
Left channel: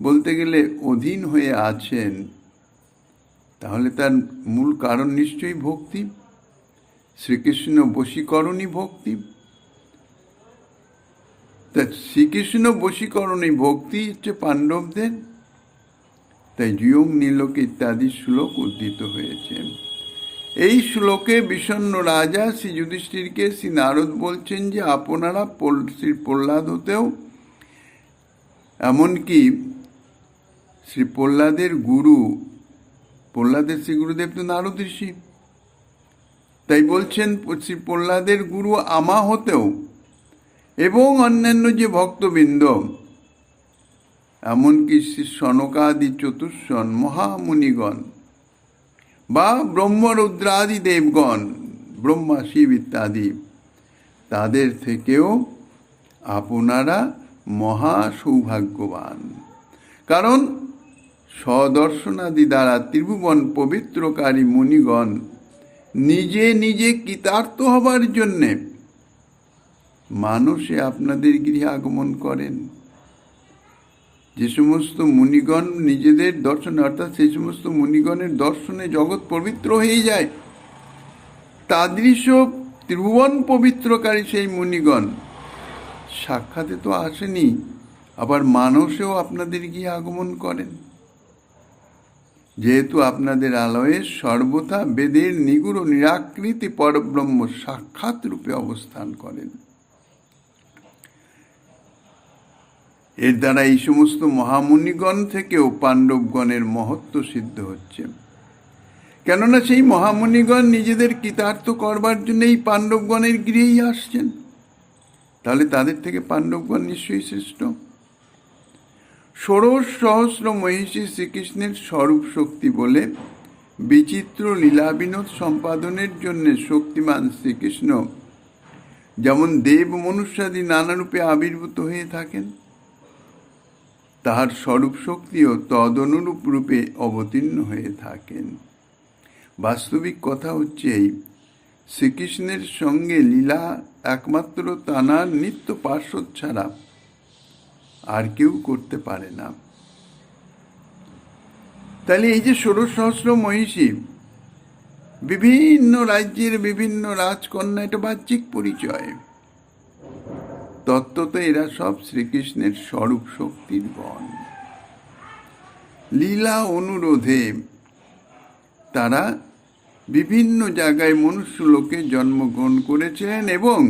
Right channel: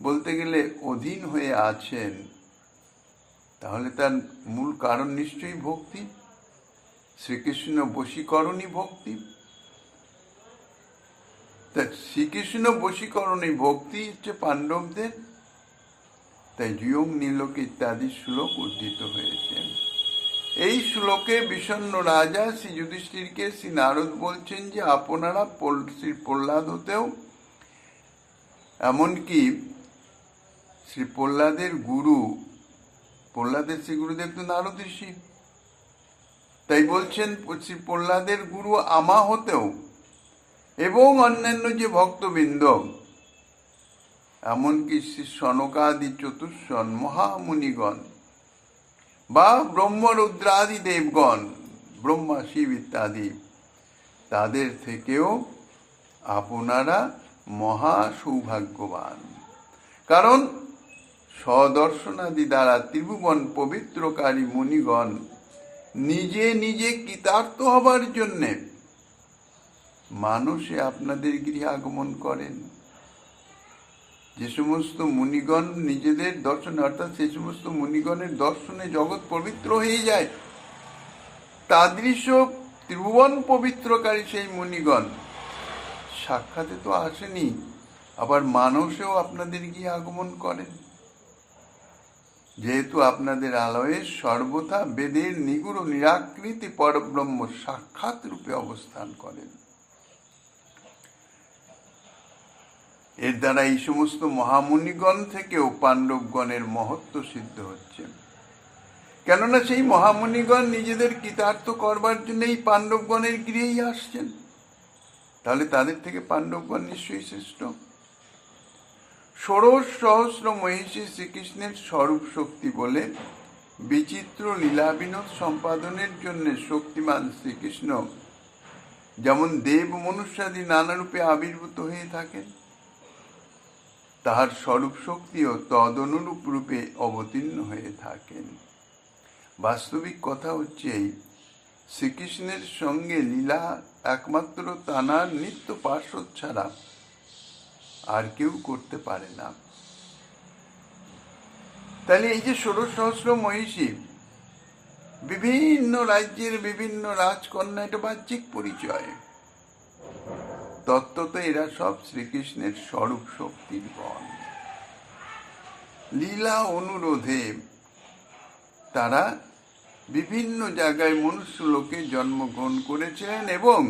বলতে গেলে অধীন হয়ে আছেন, তাহলে তার মূল কারণ নিশ্চয়ই ভক্তি, শ্রীকৃষ্ণ বশীকরণই ভক্তি। তা শ্রীকৃষ্ণ বশীকরণই ভক্তি হচ্ছে পাণ্ডবদের, তাই জুয়ং নীলকে ইত্যাদি শ্লোক উদ্ধৃত হয়েছে। এই শ্লোকে বিষণ্ণ রাজা শ্রী যুধিষ্ঠিরকে শ্রী নারদ বলছেন যে আপনারা শ্রী প্রহ্লাদ হতেও, এমনকি শ্রী প্রহ্লাদের গুরু, প্রহ্লাদের শ্রী গুরুদেব তো নারদ ঋষি, তাই বলছেন শ্রী প্রহ্লাদের গুরু আমা হতেও এবং অন্যান্য যে ভক্তবৃন্দ, এমনকি শ্রী সনকাদি চতুষ্ষণ মহামুনিগণ বা ব্রহ্মরুদ্রাদি দেবগণ, ব্রহ্মা শিব ইত্যাদি, তাদের থেকেও আপনারা মহা সৌভাগ্যবান। কারণ স্বদর্শনাদি দ্বারা ত্রিভুবন পবিত্রকারী মুনিগণ নিজে নিজে কৃতার্থ হবার জন্যে মানুষে আপনাদের গৃহে আগমন করেন। যে সমস্ত মুনিগণ নিজেদের দর্শনে, অর্থাৎ সেই সমস্ত মুনিগণের দর্শনে জগৎ পবিত্র হয়ে যায়, তাদৃশ ত্রিভুবন পবিত্রকারী সেই মুনিগণ সাক্ষাতে তো আসেনি, আবার মানসেও আপনাদের গিয়ে আগমন করেন। যেহেতু আপনাদের আলয়ে সর্বথা বেদের নিগুড় নিরাকৃতি পরব্রহ্ম সাক্ষাৎ রূপে অবস্থান করেন। এর দ্বারা এই সমস্ত মহামুনিগণ থেকেও পাণ্ডবগণের মহত্ব সিদ্ধ হচ্ছে। কেননা সেই মহামুনিগণ নিজেদের কৃতার্থ করবার জন্য এই পাণ্ডবগণের গৃহেই আসছেন, তাহলে তাদের থেকে পাণ্ডবগণ নিশ্চয়ই শ্রেষ্ঠ। ১৬,০০০ মহিষী শ্রীকৃষ্ণের স্বরূপ শক্তি বলে বিচিত্র লীলা বিনোদ সম্পাদনের জন্য শক্তিমান শ্রীকৃষ্ণ যেমন দেব মনুষ্যাদি নানা রূপে আবির্ভূত হয়ে থাকেন, তাহার স্বরূপ শক্তিও তদনুরূপ রূপে অবতীর্ণ হয়ে থাকেন। বাস্তবিক কথা হচ্ছে এই, শ্রীকৃষ্ণের সঙ্গে লীলা একমাত্র তাঁর নিত্য পার্শ্বদ ছাড়া আর কেউ করতে পারে না। তাহলে এই যে ১৬,০০০ মহিষী, বিভিন্ন রাজ্যের বিভিন্ন রাজকন্যা, এটা বাহ্যিক পরিচয়, তত্ত্বত এরা সব শ্রীকৃষ্ণের স্বরূপ শক্তির গণ। লীলা অনুরোধে তারা বিভিন্ন জায়গায় মনুষ্য লোকে জন্মগ্রহণ করেছিলেন এবং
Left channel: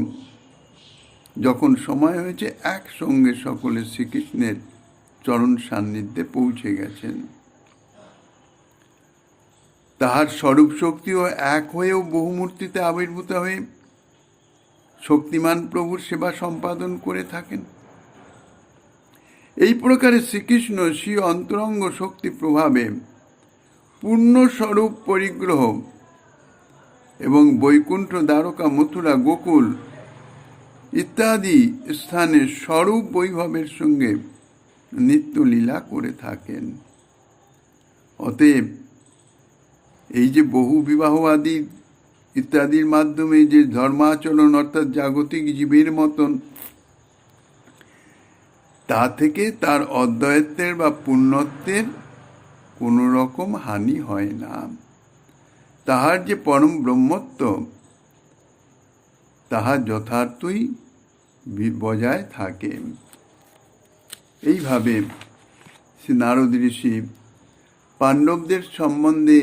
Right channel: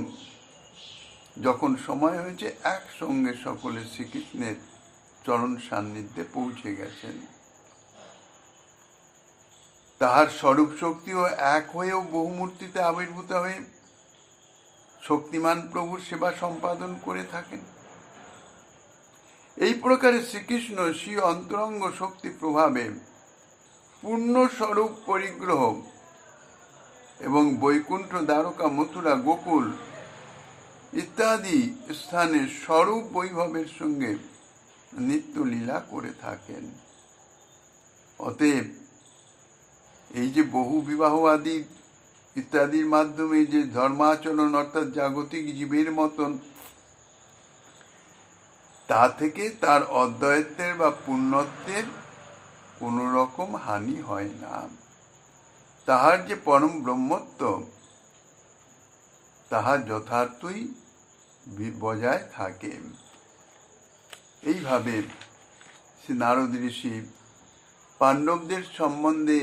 যখন সময় হয়েছে একসঙ্গে সকলে শ্রীকৃষ্ণের চরণ সান্নিধ্যে পৌঁছে গেছেন। তাহার স্বরূপ শক্তিও এক হয়েও বহুমূর্তিতে আবির্ভূত হয়ে শক্তিমান প্রভুর সেবা সম্পাদন করে থাকেন। এই প্রকারে শ্রীকৃষ্ণ স্বীয় অন্তরঙ্গ শক্তি প্রভাবে পূর্ণস্বরূপ পরিগ্রহ এবং বৈকুণ্ঠ, দ্বারকা, মথুরা, গোকুল ইত্যাদি স্থানে স্বরূপ বৈভবের সঙ্গে নিত্য লীলা করে থাকেন। অতএব এই যে বহু বিবাহ আদি ইত্যাদির মাধ্যমে যে ধর্মাচরণ, অর্থাৎ জাগতিক জীবের মতন, তা থেকে তার অদ্বৈতের বা পুণ্যত্বের কোনো রকম হানি হয় না। তাহার যে পরম ব্রহ্মত্ব, তাহা যথার্থই বজায় থাকে। এইভাবে শ্রী নারদ ঋষি পাণ্ডবদের সম্বন্ধে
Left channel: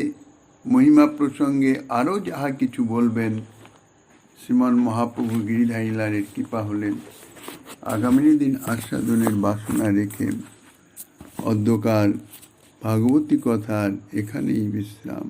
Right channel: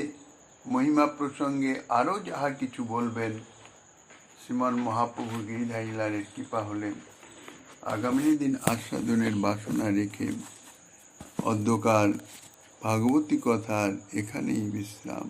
মহিমা প্রসঙ্গে আরও যাহা কিছু বলবেন, শ্রীমন মহাপ্রভু গিরিধারী লালের কৃপা হলেন আগামী দিন আস্বাদনের বাসনা রেখে অধ্যকার ভাগবতী কথার এখানেই বিশ্রাম।